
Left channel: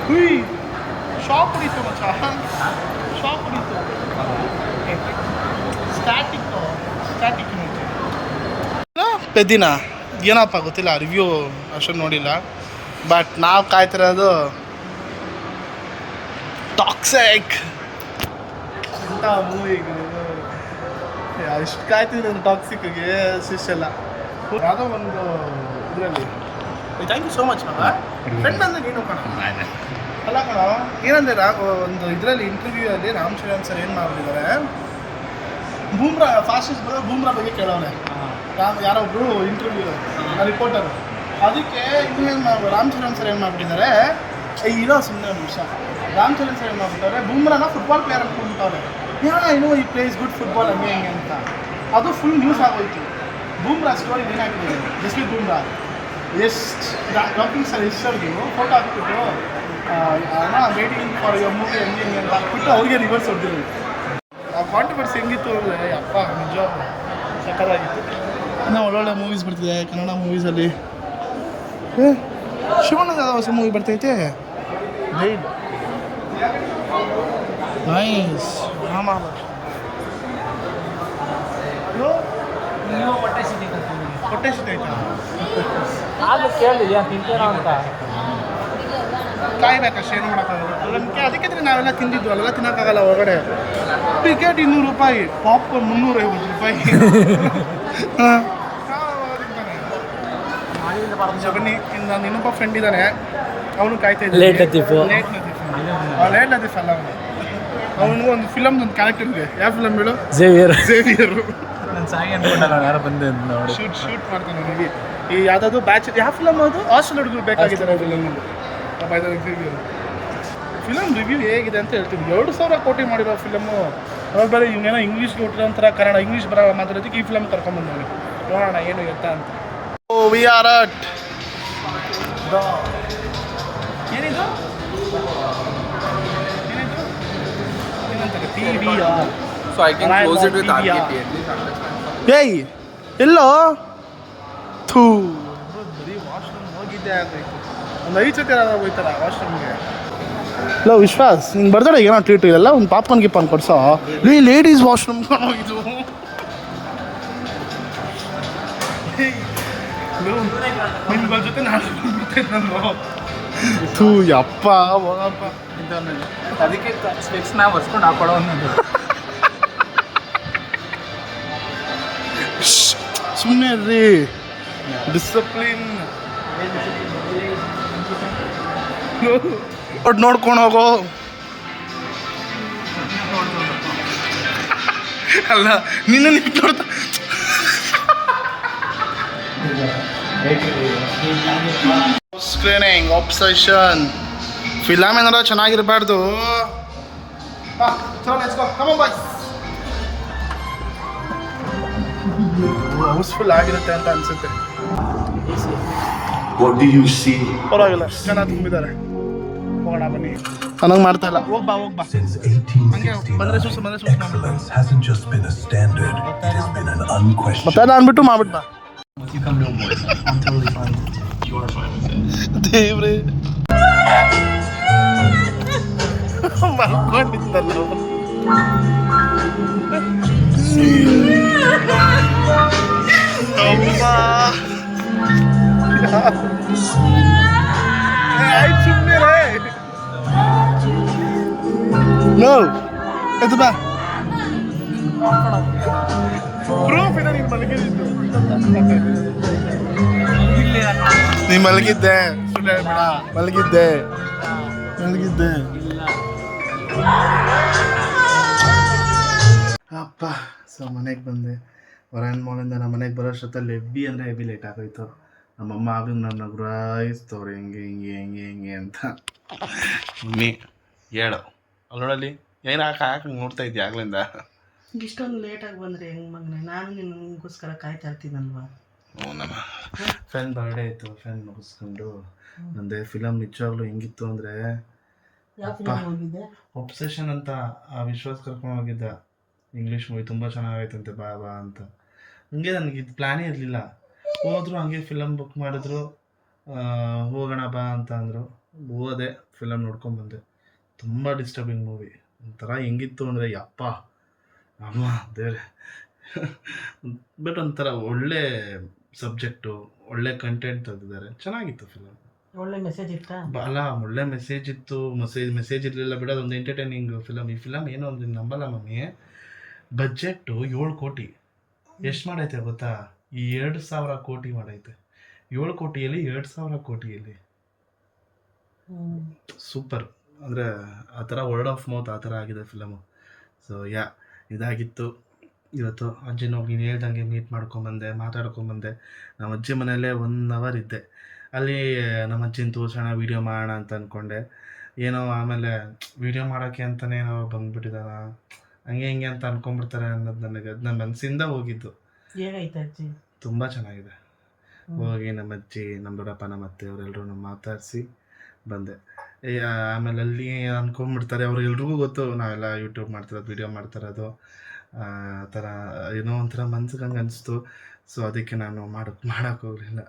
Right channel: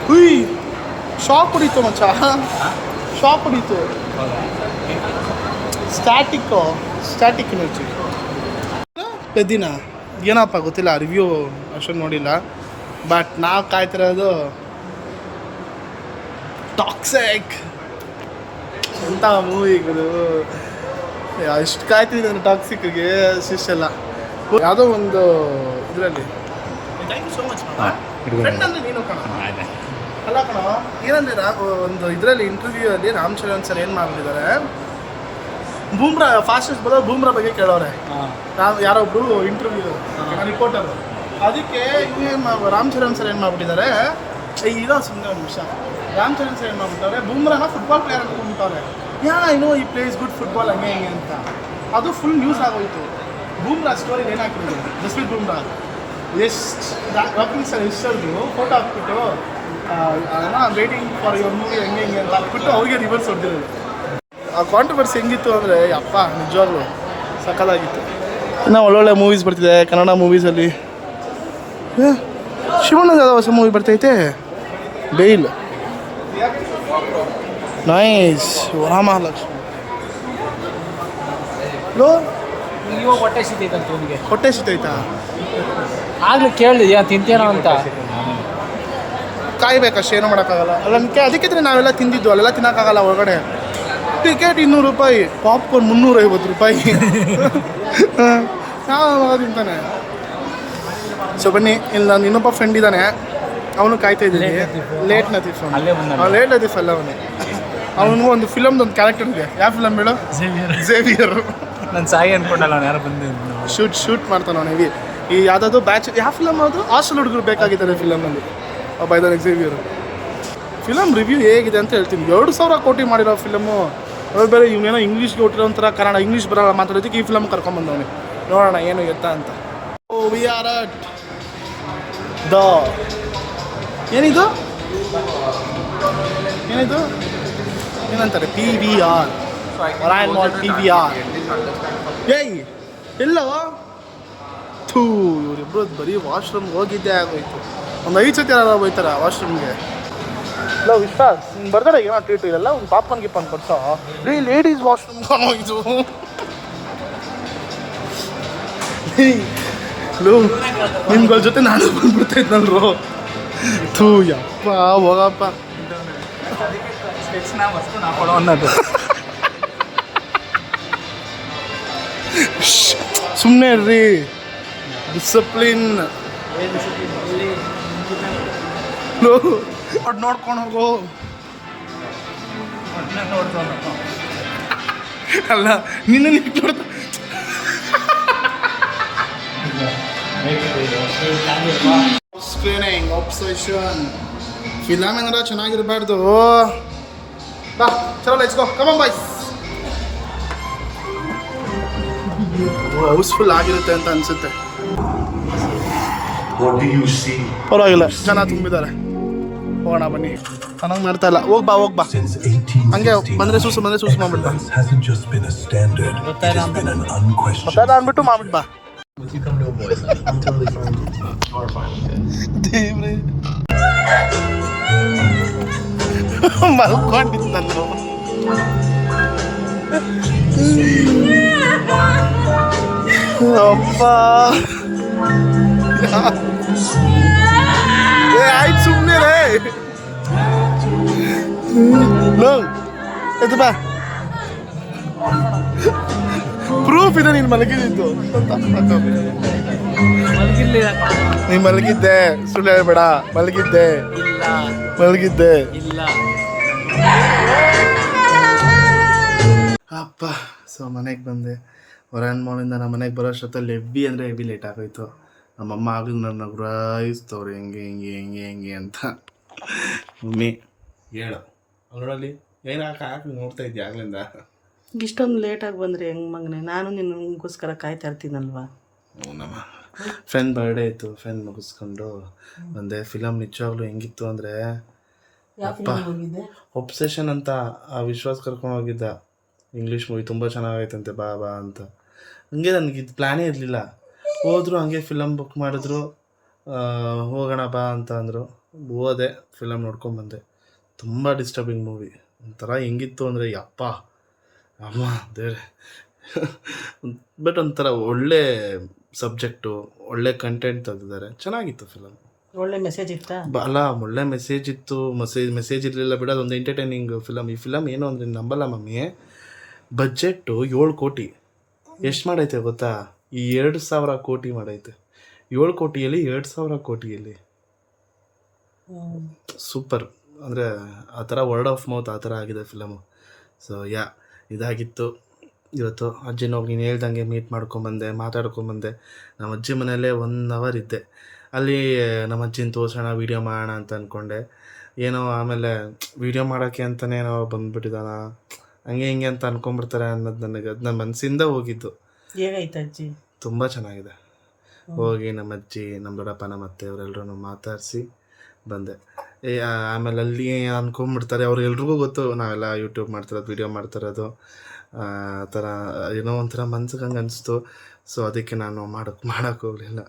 ಹುಯ್, ಶಾಕ್ ಹೊಡೀತು ಮಚ್ಚ, ಶಾಕ್ ಹೊಡೀತು. ಸ್ಟ್ಯಾಟಿಕ್ ನೋಚಿ ಪೆದ್ದಿನ ಏನಪ್ಪ ಗೊತ್ತಿಲ್ಲ, ರಿವ್ಯೂ ಅಷ್ಟೊಂದು ನೋಡಿಲ್ಲ. ಬಟ್ ನಾವು ಕಾಯ್ತಿರೋದು ಟಾಕ್ಸಿಕ್ ಎಂಥ ಮೂವಿಗಳು. ಎಷ್ಟು ಕಾಯ್ತಿದ್ದೆ ನಾನು ಟಾಕ್ಸಿಕ್ಗೆ, ಅಷ್ಟಿಷ್ಟೆಲ್ಲ. ಯಾವುದೋ ಒಂದು ಇದರಲ್ಲಿ. Thank you so much. Friend ಅಂದರೆ ನೀನು ಕಣ. ಅಲ್ಲ ಕಣ, ಏನಂದರೆ ಒಂದು ಇದರಲ್ಲಿ ಇಂಟರ್ವ್ಯೂ ಅಲ್ಲಿ ರಾಮ್ ಚರಣ್ ಸರ್ ಏನು ಮಾಡ್ಬಿಟ್ಟಿದ್ದಾರೆ, ಬೂಮ್ರಾ ಫಾಸ್ಟೆಸ್ಟ್ ಬಾಲರ್ ಬೂಮ್ರಾ ಬಗ್ಗೆ ಕೇಳೋರೆ. ಯಾರೋ ಒಬ್ರು ಇಂಟರ್ವ್ಯೂ ರಿಪೋರ್ಟರು, ಅದಕ್ಕೆ ರಾಮ್ ಚರಣ್ ಸರ್ ಏನು ಮಾಡ್ಬಿಟ್ಟಿದ್ದಾರೆ, ಇರೋ ಸುಮ್ಮನೆ ಒಂದು ನಿಮಿಷ, ರಾಮ್ ಚರಣ್ ಸರ್ ಏನು ಮಾಡ್ಬಿಟ್ಟವ್ರೆ, ಬೂಮ್ರಾನ ಫುಟ್ಬಾಲ್ ಪ್ಲೇಯರ್ ಅಂದ್ಕೊಂಡ್ಬಿಟ್ಟವ್ರೆ, ಈ ಪ್ಲೇಸ್ ಗುಡ್ ಫುಟ್ಬಾಲ್ ಹಂಗೆ ಹೆಂಗೆ ಅಂತ. ಅದು ಫುಲ್ ನ್ಯೂಸ್ ಆಗೋಯ್ತು. ಬೂಮ್ರಾ ಸ್ಟೋರಿ ಏನಾಗ್ತಿದೆ, ಜಸ್ಪ್ರೀತ್ ಬೂಮ್ರಾ ಎಷ್ಟು ವಾಕಿಂಗ್ ಸರ್ ಎಷ್ಟರ್ದು ಫೋಟೋ ಹಾಕ್ಬಿಟ್ಟು ವೇಟಿಂಗ್ ಫಾರ್ ಯುವರ್ ಮೂವಿ ಹೆಂಗೆ ಹೆಂಗೆ ಅಂತ ಹಾಕ್ಬಿಟ್ಟು ಅವ್ರಿಗೆ ರಿವರ್ಸ್ ಹೊಡೆದಿರೋದು. ಆ ಕಾಂಟ್ರವರ್ಸಿ ಹೆಂಗಿತ್ತು ಅಂದರೆ ಅಪ್ಪ ನಿಜವಾಗ್ಲೂ ಸಕ್ಕತ್ತಾಗಿತ್ತು. ಇನ್ನೂ ಒಳ್ಳೊಳ್ಳೆ ಮೂವೀಸ್ ಬರ್ತಿದೆ ಕನ್ನಡ ಮೂವೀಸಲ್ಲಿ. ಶಿವಣ್ಣದ ಹೊಸ ಮೂವಿ ಬರ್ತೈತೆ, ಬೇಲ್ ನೈಸ್, ವರಮಹಾಲಕ್ಷ್ಮಿ. ಲೋ ನೀವು ಹೊಟ್ಟೆ ಸಿದ್ದೈತಂತ ಇವನಿಗೆ, ಹೊಟ್ಟೆ ಸಿಗ್ತೈತಾ? ಆಗ್ಲೂ ಕೇಳಿದೆ ಏನೋ ತಿಂತೀನೋ ಅಂತ. ಕಾಯ್ಬೇಕಷ್ಟೇ, ಏನು ಮಾಡೋಕ್ಕಾಗಲ್ಲ. ಅಲ್ಲ ಅದಕ್ಕೆ ನಾವೆಲ್ಲ ತಿಂದಿದ್ದು, ಅಲ್ಲೆಲ್ಲ ತಿನ್ನೋಕ್ಕಾಗಲ್ಲ ಹೊರಗಡೆ. ಟಿಕೆಟ್ 200 ರೂಪಾಯಿ, ಪಾಪ್ಕಾರ್ನ್ 350 ರೂಪಾಯಿ. ಯಾವ ತಿಂತಾನೆ? ಸೊ ಬನ್ನಿ, ಇಲ್ಲಿ ನಾನು ಇನ್ನೊಬ್ಬ ಫ್ರೆಂಡ್ ಇದ್ದಾನೆ, ಅವನು ಕಾಯ್ತಾ ಇದ್ದೀನಿ. ಲೇಟ್ ಲತೀಫ್ ಅಲ್ಲ ಅವನಿಗೂ ಒಂದು ಫಿಲಮ್ದು ಒಂದು ಕ್ಯಾರೆಕ್ಟರ್ ಇದೆ. ಯಾವ ಫಿಲಮ್ ಹೇಳು? ಝೇವಿಯರ್. ನಾನು ಸಾಯಿ ಅನ್ಕೊಂಡಲ್ಲ, ಅವ್ನು ಯಾರೋ ಬಂದೆ ನೋಡಿ. ಶೂಟ್ ಮಾಡ್ತಾನೆ ಅವನು. ಈ ಯಾವುದಾದ್ರು ಬ್ಯಾಚ್, ಯಾವ ಫಿಲಮ್ ಅದು? ಹಾಸ್ಟೆಲ್ ಹುಡುಗರು ಬೇಕಾಗಿದ್ದಾನೆ ಫಿಲಮಲ್ಲಿ. ಒಬ್ಬ ಇದ್ದಾನೆ ಝೇವಿಯರ್. ಫಿಲಮ್ ರಿವ್ಯೂ ಹೇಗಿದೆ ಅಂತ ಹೇಳ್ತೀನಿ. 2,000 ಕೋಟಿ ಮಾಡಿರೋ ಫಿಲಮು. ಅವಾಗ ಬೇರೆ ಇವನೇನೋ ಇಂಗ್ಲೀಷ್ಗೆ ಹುಟ್ಟಿರೋ ಒಂಥರ ಕನ್ನಡ ಇಂಗ್ಲೀಷ್ ಬರೋಲ್ಲ ಮಾತಾಡೋದಕ್ಕೆ ಈ ಫಿಲಮ್ ಕರ್ಕೊಂಬಂದವನು. ನೋಡೋಣ ಏನು ಎತ್ತ ಅಂತ. ವಿ ಆರ್ ಅಟ್ ದ ಏನಿದು ಏನಂತಾರೆ, PVR. ಏಯ್ ಎಲ್ಲೋ ಥೂ, ಇವ್ರಿಬ್ರು ಬರೀ ವಾಶ್ರೂಮ್ಗೆ ಹೋಗಿದ್ದೆ ಆಗೋಯ್ತು. ಒಂದು 5 ಸತಿ ಯಾರು ಹೋಯ್ತಾರ ವಾಶ್ರೂಮ್ಗೆ. ನಾವು ವಿಶ್ವಾಸ್ ನಿಂಗೆ ಬರ್ತಾಳೆ ಏನೋ ಟ್ರೀಟ್ ಇದೆಲ್ಲ, ಒಂದು ಪಾಪ್ಕಾರ್ನ್ ಗಿಪ್ಪಾನ್ ಕೊಡ್ಸೋ. ಲೇಡೀಸ್ ವಾಶ್ರೂಮ್ ಇದು ನಿಮ್ಗಳ ಜೊತೆ ನಾನು ಬಂದ್ಬಿಡ್ತಾ ಇದ್ನಲ್ರು. ಥೂ ಯಪ್ಪ ಹೋಗಪ್ಪ. ಅದಕ್ಕೆ ಸ್ಪೆಕ್ಸ್ನ ಬರ್ಸ್ಕೊಂಡು ಹಾಕೊಳ್ಳೋ ಅನ್ನೋದು. ಸುಮ್ಮನೆ ರೀ, ಡಿಸಿಪ್ಲಿನ್ ನೋಡ್ಕೊಂಡು ಹೋಗೋ. ಅಲ್ಲ ನಿನ್ನ ನೋಡ್ತಾ ಸ್ಕ್ರೀನಿಂಗ್ ಆಬ್ಸೆಷನ್ ಫಿಲಮ್ ಏನಾರ ಚೆನ್ನಾಗಿರಬಾರ್ದು. ಬಾ ಚಲೋ let's go, come on boys. Housefull ಆಗಿರುತ್ತೆ ಅಂತ ಅನ್ಸುತ್ತೆ. ಪರವಾಗಿಲ್ಲ, ಜನ ತುಂಬಿದ್ದಾರೆ. ಹೋಗೋಣ ಬನ್ನಿ. ನನಗೆ ಮಾಡ್ತಾ ಇಲ್ಲ, ಹೋಗ್ಬಾ ಹಂಗೆ ಬಂದರೆ ಸೂಸು ಮಾಡ್ಬಿಟ್ಟು ಮತ್ತೆ ಅಂದ್ಬಿಟ್ಟು ಮಾಡ್ಬಿಟ್ಟು ಬಾ. ದೇವ್ರೆ ಮಲ್ಕೊಂಡಿತ್ತಲ್ಲೋ. ಅಪ್ಪ ಆಯ್ತು ಸುಮ್ಮನೆ ರೇ. ಲೋ ಎದ್ದು ಬಾ, ಪ್ರೂಫ್ ಇದೆ ನೀನು ಮಲಗಿದ್ದು. ನೀ ಮಲಗಿದ್ದೆ, ಸುಳ್ಳು ಹೇಳ್ಬೇಡ. ಮಲಗಿದ್ದೆ. ಅಪ್ಪ ಸೊ ಮನೆಗೆ ಬಂದೆ. ಹೊರನ್ ಮಾಲಿಂದ ನಮ್ಮ ಮನೆಗೆ ಬರೋ ಅಷ್ಟೊತ್ತಲ್ಲಿ ಹೆವಿ ಲೇಟ್ ಆಗೋಯ್ತು. ನಮ್ಮಮ್ಮ ಆಗಲೂ ನನ್ನ ಗುರಾಯಿಸ್ತವ್ರು ಹೆಂಗೆ ಅಂತ. ಮಮ್ಮಿ ಹೇಳು ಅಲ್ಲೋಡಲ್ಲಿ ಏನು ಹಾಕಿ ನೋಡ್ತಾ ಇದ್ದೆ ಆಗ್ಲಿಂದ. ಇಷ್ಟೊಂದು ಲೇಟಾಗಿ ಬಂದರೆ ಹೆಂಗೆ ಮಗನೇ? ನಾನು ನಿನಗೋಸ್ಕರ ಕಾಯ್ತಾ ಇರ್ತೀನಲ್ವಾ. ನಮ್ಮ ಫ್ರೆಂಡ್ ಬರ್ಡೇ ಇತ್ತು, ಫ್ರೆಂಡ್ ಮುಗಿಸ್ಕೊಂಡು ಬಂದೆ. ಫಿಲಮ್ ನಿಜವಾಗ್ಲೂ ಹೆಂಗಿತ್ತು ಅಂದರೆ ಅಪ್ಪ, ಒಬ್ಸೆಷನ್ ಅಂತ ಆ ವಿಶ್ವಾಸ್ ಕರ್ಕೊಂಡು ಹೋಗಿದ್ದ. ಇಂಗ್ಲೀಷ್ ಮೂವಿ ತುಂಬ ಚೆನ್ನಾಗೈತಂತೆ, ಬಾ ಅಂತ. ಹಂಗೆ ನನಗೆ ಇದು ಪ್ಲ್ಯಾನೇ ಇರಲಿಲ್ಲ. ಹೋದ್ರು ಹಂಗೆ ಫಿಲಮ್ ಬುಕ್ ಮಾಡಿದ್ರು, ಹೋಗೋಣ ಬಾ ಅಂತ ಅಂದರು. ಹೋದೆ, ಫಿಲಮ್ ನೋಡ್ಕೊಂಬಂದೆ. ತುಂಬ ಡಿಸ್ಟರ್ಬಿಂಗ್ ಮೂವಿ. ಒಂಥರ ಹೆಂಗಿತ್ತು ಅಂದರೆ ಯಪ್ಪ ಅಮ್ಮ ದೇವ್ರೆ. ಬಟ್ ಒಂಥರ ಒಳ್ಳೆ ಸಬ್ಜೆಕ್ಟು, ಒಳ್ಳೆ ಕಂಟೆಂಟ್ ತೆಗೆದಿದ್ದಾರೆ, ಚೆನ್ನಾಗಿತ್ತು ಫಿಲಮ್. ಒಳ್ಳೆ ಮೆಸೇಜ್ ಇತ್ತಾ? ಅಲ್ಲ ಒಳ್ಳೆ ಮೆಸೇಜ್ ಇತ್ತು. ಮೆಸೇಜ್ ಇರಲಿಲ್ಲ ಬಿಡ, ಅದೊಂದು ಎಂಟರ್ಟೈನಿಂಗ್ ಫಿಲಮ್. ಈ ಫಿಲಮ್ ಏನು ಅಂದರೆ ನಂಬಲ್ಲ ಮಮ್ಮಿ, ಬಜೆಟ್ಟು 7 ಕೋಟಿ. ಎಷ್ಟು ಮಾಡೈತೆ ಗೊತ್ತಾ? ಈ 2,000 ಕೋಟಿ ಮಾಡೈತೆ. 7 ಕೋಟಿಯಲ್ಲಿ 2,000 ಕೋಟಿಯಲ್ಲಿ. ಸೂಪರ್. ಅಂದರೆ ಆ ಥರ ವರ್ಡ್ ಆಫ್ ಮೌತ್ ಆ ಥರ ಆಗಿದೆ ಫಿಲಮು. ಸೊ ಇದಾಗಿತ್ತು. ಇವತ್ತು ಅಜ್ಜಿನ ಹೋಗಿ ನೀನು ಹೇಳ್ದಂಗೆ ಮೀಟ್ ಮಾಡ್ಕೊಂಬಂದೆ, ಮಾತಾಡ್ಕೊಂಬಂದೆ. ನಮ್ಮ ಅಜ್ಜಿ ಮನೆಯಲ್ಲೇ 1 ಅವರ್ ಇದ್ದೆ. ಅಲ್ಲಿ ನಮ್ಮ ಅಜ್ಜಿನ ತೋರ್ಸೋಣ, ವೀಡಿಯೋ ಮಾಡೋಣ ಅಂತ ಅಂದ್ಕೊಂಡೆ. ಏನೋ ಆಮೇಲೆ ವೀಡಿಯೋ ಮಾಡೋಕ್ಕೆ ಅಂತಲೇ ಏನೋ ಬಂದುಬಿಟ್ಟಿದ್ದಾನ, ಹಂಗೆ ಹಿಂಗೆ ಅಂತ ಅಂದ್ಕೊಂಬಿಡ್ತಾರೆ ಅನ್ನೋದು ನನಗೆ, ಅದು ನನ್ನ ಮನಸ್ಸಿಂದ ಹೋಗಿದ್ದು. ಹೇಗೈತೆ ಅಜ್ಜಿ? ತುಂಬ ಚೆನ್ನಾಗಿದೆ. ಹೋಗಿ ನಮ್ಮ ಅಜ್ಜಿ, ನಮ್ಮ ದೊಡ್ಡಪ್ಪ, ನಮ್ಮ ಅತ್ತೆ ಅವರೆಲ್ಲರೂ ಮಾತಾಡಿಸಿ ಬಂದೆ. ಆಮೇಲೆ ಅಲ್ಲಿ ಅಂದ್ಕೊಂಬಿಡ್ತಾರೆ, ಅವ್ರಿಗೆಲ್ರಿಗೂ ಗೊತ್ತು ನಾವೆಲ್ಲ ಯೂಟ್ಯೂಬ್ ಮಾಡ್ತಿರೋದು, ವೀಡಿಯೋ ಮಾಡ್ತಿರೋದು. ಆ ಥರ ಏನೋ ಒಂಥರ ಮನ್ಸಿಗೆ ಹಂಗೆ ಅನಿಸ್ತು. ಸೊ ಅದಕ್ಕೆ ನಾನು ಮಾಡೋಕ್ಕೆ ಹೋಗಲಿಲ್ಲ.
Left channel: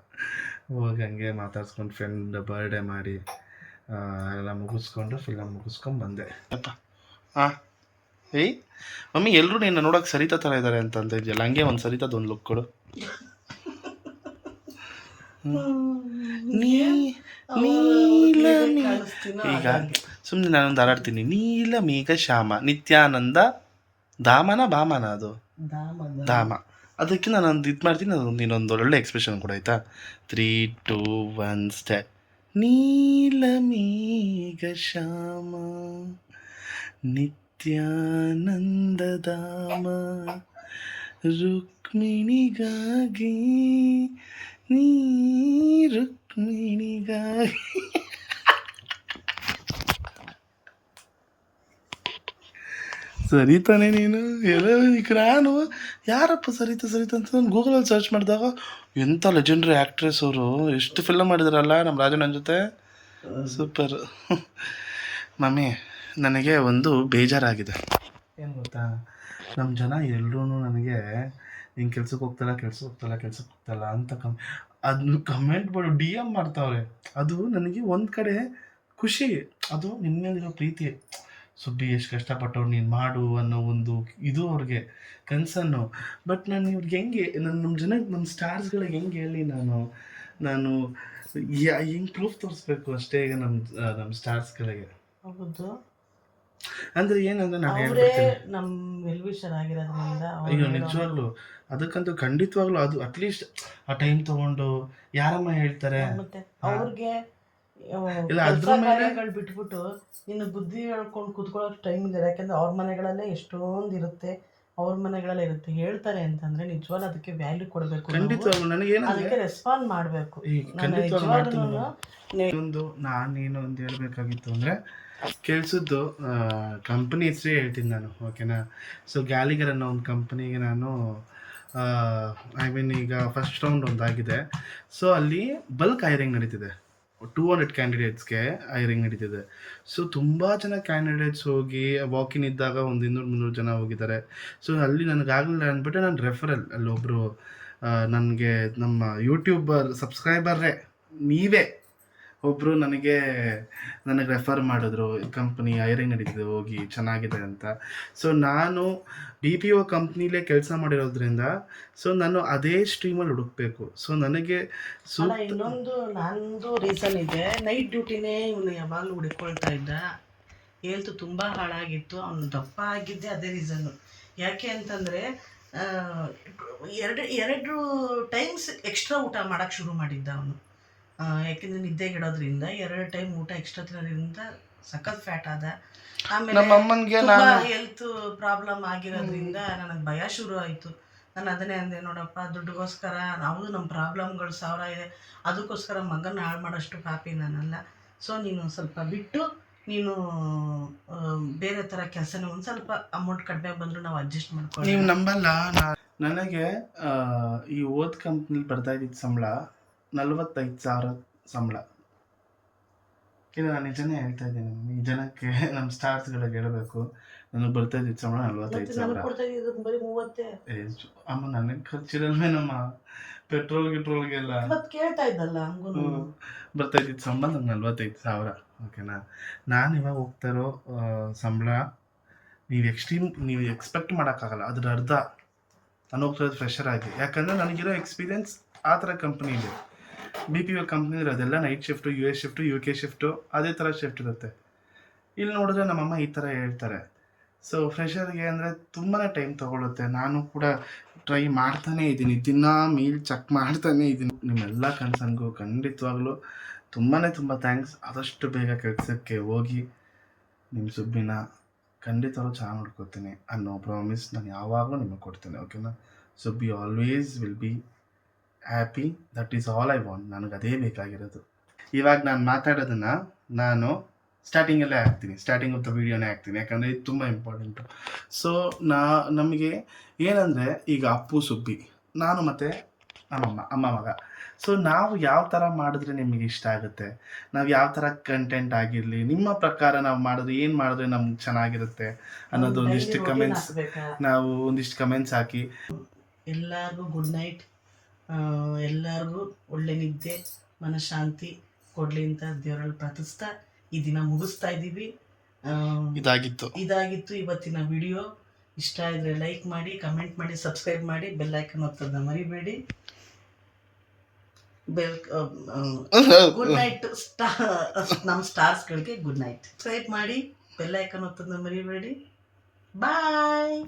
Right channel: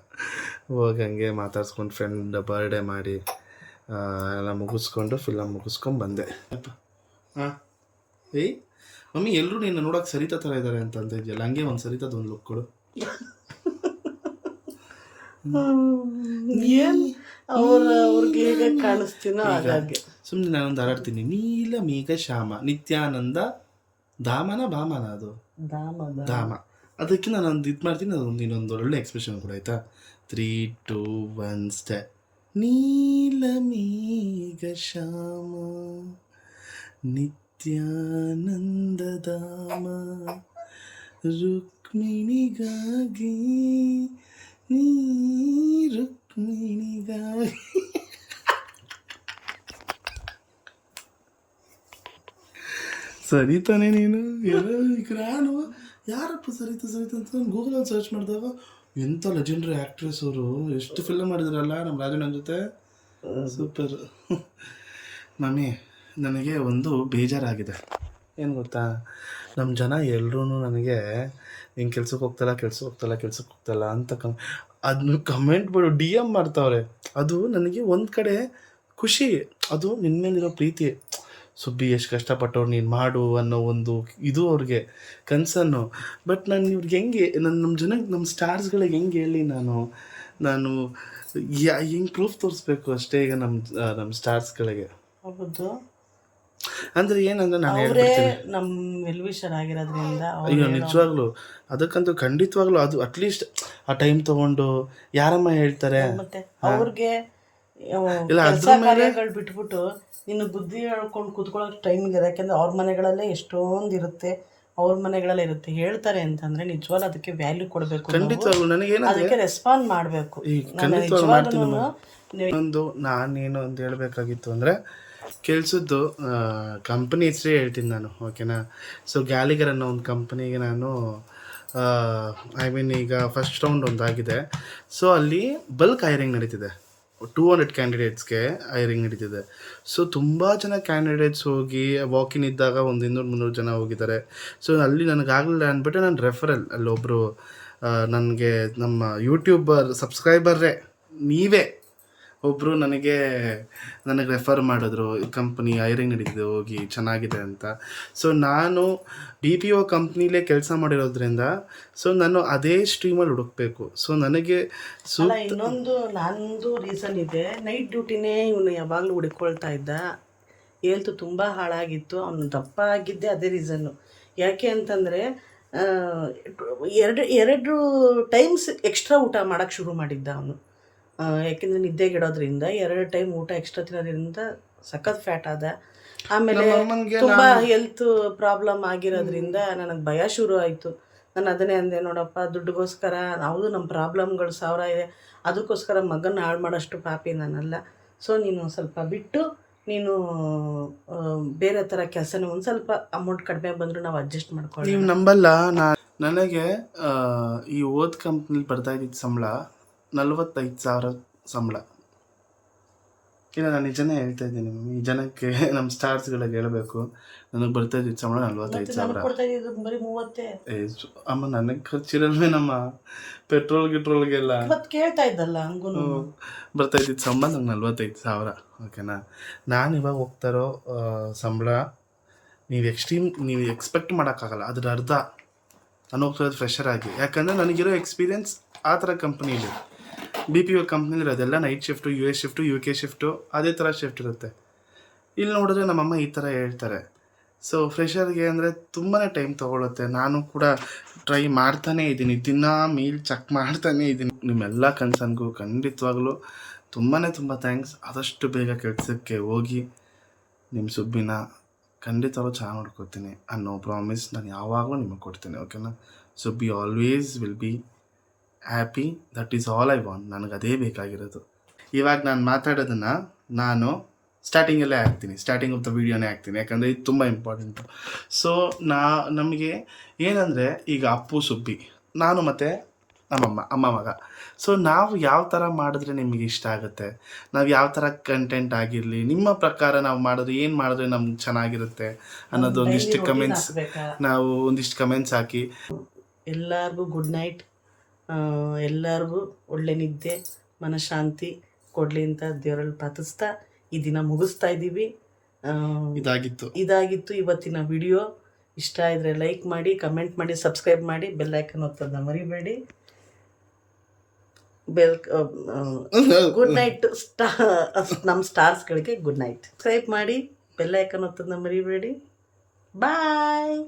ಹೋಗಿ ಹಂಗೆ ಮಾತಾಡ್ಸ್ಕೊಂಡು ಫ್ರೆಂಡ್ ಬರ್ಡೇ ಮಾಡಿ ಎಲ್ಲ ಮುಗಿಸ್ಕೊಂಡು ಫಿಲಮ್ ಮುಗಿಸ್ಕೊಂಡು ಬಂದೆ. ಅಪ್ಪ ಹಾಂ ಏಯ್ ಮಮ್ಮಿ, ಎಲ್ಲರೂ ನಿನ್ನ ನೋಡೋಕೆ ಸರಿತಾ ಥರ ಇದ್ದಾರೆ ಅಂತ ಇದೆಯಲ್ಲ, ಹಂಗೆ ಒಂದು ಸರಿತದ ಒಂದು ಲುಕ್ ಕೊಡು. ಈಗ ಸುಮ್ಮನೆ ನಾನೊಂದು ಹಾರಾಡ್ತೀನಿ. ನೀಲ ಮೇಘ ಶ್ಯಾಮ ನಿತ್ಯಾನಂದ ಧಾಮನ ಭಾಮನ, ಅದು ಧಾಮ. ಅದಕ್ಕೆ ನಾನೊಂದು ಇದು ಮಾಡ್ತೀನಿ, ಅದೊಂದು ಇನ್ನೊಂದು ಒಳ್ಳೆ ಎಕ್ಸ್ಪ್ರೆಷನ್ ಕೂಡ ಆಯಿತಾ. 3, 2, 1 ಸ್ಟೆಪ್. ನೀಲ ಮೇಘ ಶ್ಯಾಮ ನಿತ್ಯಾನಂದ ಧಾಮ ರುಕ್ಮಿಣಿಗಾಗಿ ನೀ ರುಕ್ಮಿಣಿಗಾಗಿ. ಸರಿ ತಾನೇ ನೀನು ಎಲ್ಲ. ಈಗ ನಾನು ಯಾರಪ್ಪ ಸರಿತಾ ಅಂತ ನಾನು ಗೂಗಲಲ್ಲಿ ಸರ್ಚ್ ಮಾಡಿದಾಗ ಎಂಥ ಲೆಜೆಂಡ್ರಿ ಆ್ಯಕ್ಟ್ರೆಸ್ ಅವರು, ಎಷ್ಟು ಫಿಲಮ್ ಮಾಡಿದಾರಲ್ಲ ನಮ್ಮ ರಾಜಣ್ಣನ ಜೊತೆ. ಸೂಪರ್. ಮಮ್ಮಿ, ನನಗೆ ಒಂದು ಬೇಜಾರಾಗಿದೆ. ಏನು ಗೊತ್ತಾ, ನಮ್ಮ ಜನ ಎಲ್ಲರೂ ನನಗೆ ಹಿಂಗೆ ಕೆಲ್ಸಕ್ಕೆ ಹೋಗ್ತಲ್ಲ ಅಂತ ಅದನ್ನ ಕಮೆಂಟ್ ಬಿಡು DM ಮಾಡ್ತಾವ್ರೆ. ಅದು ನನಗೆ ಒಂದು ಕಡೆ ಖುಷಿ, ಅದು ನಿನ್ನ ಮೇಲಿರೋ ಪ್ರೀತಿ. ಸುಬ್ಬಿ ಎಷ್ಟು ಕಷ್ಟಪಟ್ಟವ್ರು, ನೀನು ಮಾಡು ಅನ್ನೋ ಒಂದು ಇದು ಅವ್ರಿಗೆ ಕನ್ಸನ್ನು. ಬಟ್ ನಾನು ಇವ್ರಿಗೆ ಹೆಂಗೆ, ನಮ್ಮ ಜನಕ್ಕೆ, ನಮ್ಮ ಸ್ಟಾರ್ಸ್ಗಳಿಗೆ ಹೆಂಗೆ ಹೇಳಿ ನಾನು ಹೆಂಗೆ ಪ್ರೂಫ್ ತೋರಿಸ್ಬೇಕು ಅಷ್ಟೇ ಈಗ ನಮ್ಮ ಸ್ಟಾರ್ಸ್ಗಳಿಗೆ. ಹೌದು, ಅಂದರೆ ಏನಂದ್ರೆ ನಾನು ಹೇಳ್ಬಿಡ್ತೀನಿ, ನಮ್ಮ ವೆಲ್ವಿಷರ್ ಆಗಿರೋದ್ರಿಂದ. ಅಯ್ಯೋ ನಿಜವಾಗ್ಲೂ ಅದಕ್ಕಂತೂ ಖಂಡಿತವಾಗ್ಲೂ ಅದು ಅಟ್ಲೀಸ್ಟ್ ಆ ಟೈಮ್ ತೊಗೊಂಡು ಯಾರಮ್ಮ ಹೇಳ್ತಾರೆ. ಮತ್ತೆ ಅವ್ರಿಗೆ ಇಲ್ಲ ಅದ್ರ ಮೇಲೆ ಬಿಟ್ಬಿಟ್ಟು ಇನ್ನು ಬುದ್ಧಿ ಹೇಳ್ಕೊಂಡು ಕೂತ್ಕೊಳ್ಳೋಕೆ ಟೈಮ್ ಇದೆ. ಯಾಕೆಂದ್ರೆ ಅವ್ರ ಮನೆಗಳಲ್ಲೇ ಎಷ್ಟೊಂದು ಇರುತ್ತೆ, ಅವ್ರ ಮನೆಗಳಲ್ಲೇ ಇರುತ್ತೆ. ಹೇಳ್ತಾರೆ ಅಂತಂದ್ರೆ ನಿಜವಾಗ್ಲೂ ಅದಕ್ಕೆ ವ್ಯಾಲ್ಯೂ ಕೊಡಬೇಕು. ಖಂಡಿತವಾಗ್ಲೂ ನನಗೇನಂದ್ರೆ ಅದಕ್ಕೆ ರೆಸ್ಪಾಂಡ್ ಮಾಡಬೇಕು. ಈ ಖಂಡಿತವಾಗ್ಲೂ ಮಾಡ್ತೀನಿ. ಇನ್ನೊಂದು ನಾನೇನು ಅಂತ ಹೇಳಬೇಕಾಗಿತ್ತು ಅಂದರೆ ಕೆಲಸದ್ದು ಕಂಪ್ನಿ ಹೆಸರೇ ಹೇಳ್ತೀನಿ ನಾನು, ಓಕೆನಾ. ಸೊ ಗ್ಯಾಲಿಗರ್ ಅನ್ನೋ ಒಂದು ಕಂಪ್ನಿಗೆ ನಾನು ಈಗ ಫಸ್ಟ್ ರೌಂಡ್ ಒಂದಾಗಿದೆ. ಸೊ ಅಲ್ಲಿ ಬಲ್ಕ್ ಹೈರಿಂಗ್ ನಡೀತಿದೆ, 200 ಕ್ಯಾಂಡಿಡೇಟ್ಸ್ಗೆ ಹೈರಿಂಗ್ ನಡೀತಿದೆ. ಸೊ ತುಂಬ ಜನ ಕ್ಯಾಂಡಿಡೇಟ್ಸ್ ಹೋಗಿ ವಾಕಿನ್ ಇದ್ದಾಗ ಒಂದು 200-300 ಜನ ಹೋಗಿದ್ದಾರೆ. ಸೊ ಅಲ್ಲಿ ನನಗಾಗಲಿಲ್ಲ ಅಂದ್ಬಿಟ್ಟು ನಾನು ರೆಫರಲ್, ಅಲ್ಲೊಬ್ಬರು ನನಗೆ ನಮ್ಮ ಯೂಟ್ಯೂಬರ್ ಸಬ್ಸ್ಕ್ರೈಬರ್ರೇ ನೀವೇ ಒಬ್ಬರು ನನಗೆ ರೆಫರ್ ಮಾಡಿದ್ರು, ಕಂಪ್ನಿ ಹೈರಿಂಗ್ ನಡೀತಿದೆ ಹೋಗಿ ಚೆನ್ನಾಗಿದೆ ಅಂತ. ಸೊ ನಾನು BPO ಕಂಪ್ನಿಲೇ ಕೆಲಸ ಮಾಡಿರೋದ್ರಿಂದ ಸೊ ನಾನು ಅದೇ ಸ್ಟ್ರೀಮಲ್ಲಿ ಹುಡುಕಬೇಕು. ಸೊ ನನಗೆ ಇನ್ನೊಂದು ನಂದು ರೀಸನ್ ಇದೆ. ನೈಟ್ ಡ್ಯೂಟಿನೇ ಇವನು ಯಾವಾಗಲೂ ಹುಡುಕೊಳ್ತಾ ಇದ್ದ. ಹೆಲ್ತ್ ತುಂಬ ಹಾಳಾಗಿತ್ತು, ಅವನು ದಪ್ಪ ಆಗಿದ್ದೆ ಅದೇ ರೀಸನ್ನು. ಯಾಕೆ ಅಂತಂದರೆ ಎರಡು ಟೈಮ್ಸ್ ಎಕ್ಸ್ಟ್ರಾ ಊಟ ಮಾಡೋಕ್ಕೆ ಶುರು ಮಾಡಿದ್ದ ಅವನು. ಯಾಕೆಂದರೆ ನಿದ್ದೆಗಿಡೋದ್ರಿಂದ 2 ಟೈಮ್ ಊಟ ಎಕ್ಸ್ಟ್ರಾ ತಿನ್ನೋದ್ರಿಂದ ಸಖತ್ ಫ್ಯಾಟ್ ಆದ. ಆಮೇಲೆ ತುಂಬ ಹೆಲ್ತ್ ಪ್ರಾಬ್ಲಮ್ ಆಗಿರೋದ್ರಿಂದ ನನಗೆ ಭಯ ಶುರು ಆಯಿತು. ನಾನು ಅದನ್ನೇ ಅಂದೆ, ನೋಡಪ್ಪ ದುಡ್ಡಿಗೋಸ್ಕರ ನಾವು ನಮ್ಮ ಪ್ರಾಬ್ಲಮ್ಗಳು 1000 ಇದೆ, ಅದಕ್ಕೋಸ್ಕರ ಮಗನ ಹಾಳು ಮಾಡೋಷ್ಟು ಪಾಪಿ ನಾನಲ್ಲ. ಸೊ ನೀನು ಸ್ವಲ್ಪ ಬಿಟ್ಟು ನೀನು ಬೇರೆ ಥರ ಕೆಲಸನ ಒಂದು ಸ್ವಲ್ಪ ಅಮೌಂಟ್ ಕಡಿಮೆ ಬಂದರೂ ನಾವು ಅಡ್ಜಸ್ಟ್ ಮಾಡ್ಕೊಳ್ಳಿ. ನೀವು ನಂಬಲ್ಲ, ನನಗೆ ಈ ಕಂಪ್ನಿಲಿ ಬರ್ತಾ ಇದ್ದಿದ್ದು ಸಂಬಳ 45,000 ಸಂಬಳ. ಇಲ್ಲ ನಾನು ನಿಜನೇ ಹೇಳ್ತಾ ಇದ್ದೀನಿ, ಈ ಜನಕ್ಕೆ ನಮ್ಮ ಸ್ಟಾರ್ಸ್ಗಳಿಗೆ ಹೇಳಬೇಕು, ನನಗೆ ಬರ್ತಾ ಇದ್ದಿದ್ದು ಸಂಬಳ 45,000. ಅಮ್ಮ ನನಗೆ ಖರ್ಚಿರಲ್ವೇ, ನಮ್ಮ ಪೆಟ್ರೋಲ್ಗೆಲ್ಲ ಕೇಳ್ತಾ ಇದ್ದಲ್ಲ ಹಂಗೂ ಬರ್ತಾ ಇದ್ದಿದ್ದು ಸಂಬಳ ನಂಗೆ 45,000, ಓಕೆನಾ. ನಾನು ಇವಾಗ ಹೋಗ್ತಾ ಇರೋ ಸಂಬಳ ನೀವು ಎಕ್ಸ್ಪೆಕ್ಟ್ ಮಾಡೋಕ್ಕಾಗಲ್ಲ, ಅದ್ರ ಅರ್ಧ. ನಾನು ಹೋಗ್ತಾ ಫ್ರೆಷರ್ ಆಗಿ, ಯಾಕಂದರೆ ನನಗಿರೋ ಎಕ್ಸ್ಪೀರಿಯೆನ್ಸ್ ಆ ಥರ ಕಂಪ್ನೀಲಿ. BPO ಕಂಪ್ನಿಲಿ ಅದೆಲ್ಲ night shift, US shift, UK shift, ಅದೇ ಥರ ಶಿಫ್ಟ್ ಇರುತ್ತೆ. ಇಲ್ಲಿ ನೋಡಿದ್ರೆ ನಮ್ಮಮ್ಮ ಈ ಥರ ಹೇಳ್ತಾರೆ. ಸೊ ಫ್ರೆಷರ್ಗೆ ಅಂದರೆ ತುಂಬಾ ಟೈಮ್ ತೊಗೊಳುತ್ತೆ. ನಾನು ಕೂಡ ಟ್ರೈ ಮಾಡ್ತಾನೇ ಇದ್ದೀನಿ, ದಿನ ಮೀಲ್ ಚೆಕ್ ಮಾಡ್ತಾನೇ ಇದ್ದೀನಿ. ನಿಮ್ಮೆಲ್ಲ ಕನ್ಸನ್ಗೂ ಖಂಡಿತವಾಗ್ಲೂ ತುಂಬ ಥ್ಯಾಂಕ್ಸ್. ಆದಷ್ಟು ಬೇಗ ಕೆಲಸಕ್ಕೆ ಹೋಗಿ ನಿಮ್ಮ ಸುಬ್ಬಿನ ಖಂಡಿತವಾಗ್ಲೂ ಚೆನ್ನಾಗಿ ನೋಡ್ಕೊತೀನಿ ಅನ್ನೋ ಪ್ರಾಮಿಸ್ ನಾನು ಯಾವಾಗಲೂ ನಿಮಗೆ ಕೊಡ್ತೀನಿ, ಓಕೆನಾ? So B always will be happy, that is all I want. ನನಗೆ ಅದೇ ಬೇಕಾಗಿರೋದು. ಇವಾಗ ನಾನು ಮಾತಾಡೋದನ್ನು ನಾನು ಸ್ಟಾರ್ಟಿಂಗಲ್ಲೇ ಹಾಕ್ತೀನಿ, ಸ್ಟಾರ್ಟಿಂಗ್ ಆಫ್ ದ ವೀಡಿಯೋನೇ ಹಾಕ್ತೀನಿ, ಯಾಕಂದರೆ ಇದು ತುಂಬ ಇಂಪಾರ್ಟೆಂಟು. ಸೊ ನಮಗೆ ಏನಂದರೆ ಈಗ ಅಪ್ಪು ಸುಬ್ಬಿ, ನಾನು ಮತ್ತು ನಮ್ಮಮ್ಮ, ಅಮ್ಮ ಮಗ. ಸೊ ನಾವು ಯಾವ ಥರ ಮಾಡಿದ್ರೆ ನಿಮಗೆ ಇಷ್ಟ ಆಗುತ್ತೆ, ನಾವು ಯಾವ ಥರ ಕಂಟೆಂಟ್ ಆಗಿರಲಿ, ನಿಮ್ಮ ಪ್ರಕಾರ ನಾವು ಮಾಡಿದ್ರೆ ಏನು ಮಾಡಿದ್ರೆ ನಮ್ಗೆ ಚೆನ್ನಾಗಿರುತ್ತೆ ಅನ್ನೋದು ಒಂದಿಷ್ಟು ಕಮೆಂಟ್ಸ್, ನಾವು ಒಂದಿಷ್ಟು ಕಮೆಂಟ್ಸ್ ಹಾಕಿ. ಎಲ್ಲರಿಗೂ ಗುಡ್ ನೈಟ್. ಎಲ್ಲರಿಗೂ ಒಳ್ಳೆ ನಿದ್ದೆ, ಮನಃಶಾಂತಿ ಕೊಡಲಿ ಅಂತ ದೇವರಲ್ಲಿ ಪ್ರಾರ್ಥಿಸ್ತಾ ಈ ದಿನ ಮುಗಿಸ್ತಾ ಇದ್ದೀವಿ. ಇದಾಗಿತ್ತು ಇವತ್ತಿನ ವಿಡಿಯೋ. ಇಷ್ಟ ಇದ್ದರೆ ಲೈಕ್ ಮಾಡಿ, ಕಮೆಂಟ್ ಮಾಡಿ, ಸಬ್ಸ್ಕ್ರೈಬ್ ಮಾಡಿ, ಬೆಲ್ ಐಕನ್ ಒತ್ತೋದನ್ನ ಮರಿಬೇಡಿ. Good night. ನಮ್ಮ ಸ್ಟಾರ್ಸ್ಗಳಿಗೆ ಗುಡ್ ನೈಟ್. ಸಬ್ಸ್ಕ್ರೈಬ್ ಮಾಡಿ, ಬೆಲ್ ಐಕನ್ ಒತ್ತೋದನ್ನ ಮರಿಬೇಡಿ. ಬಾಯ್.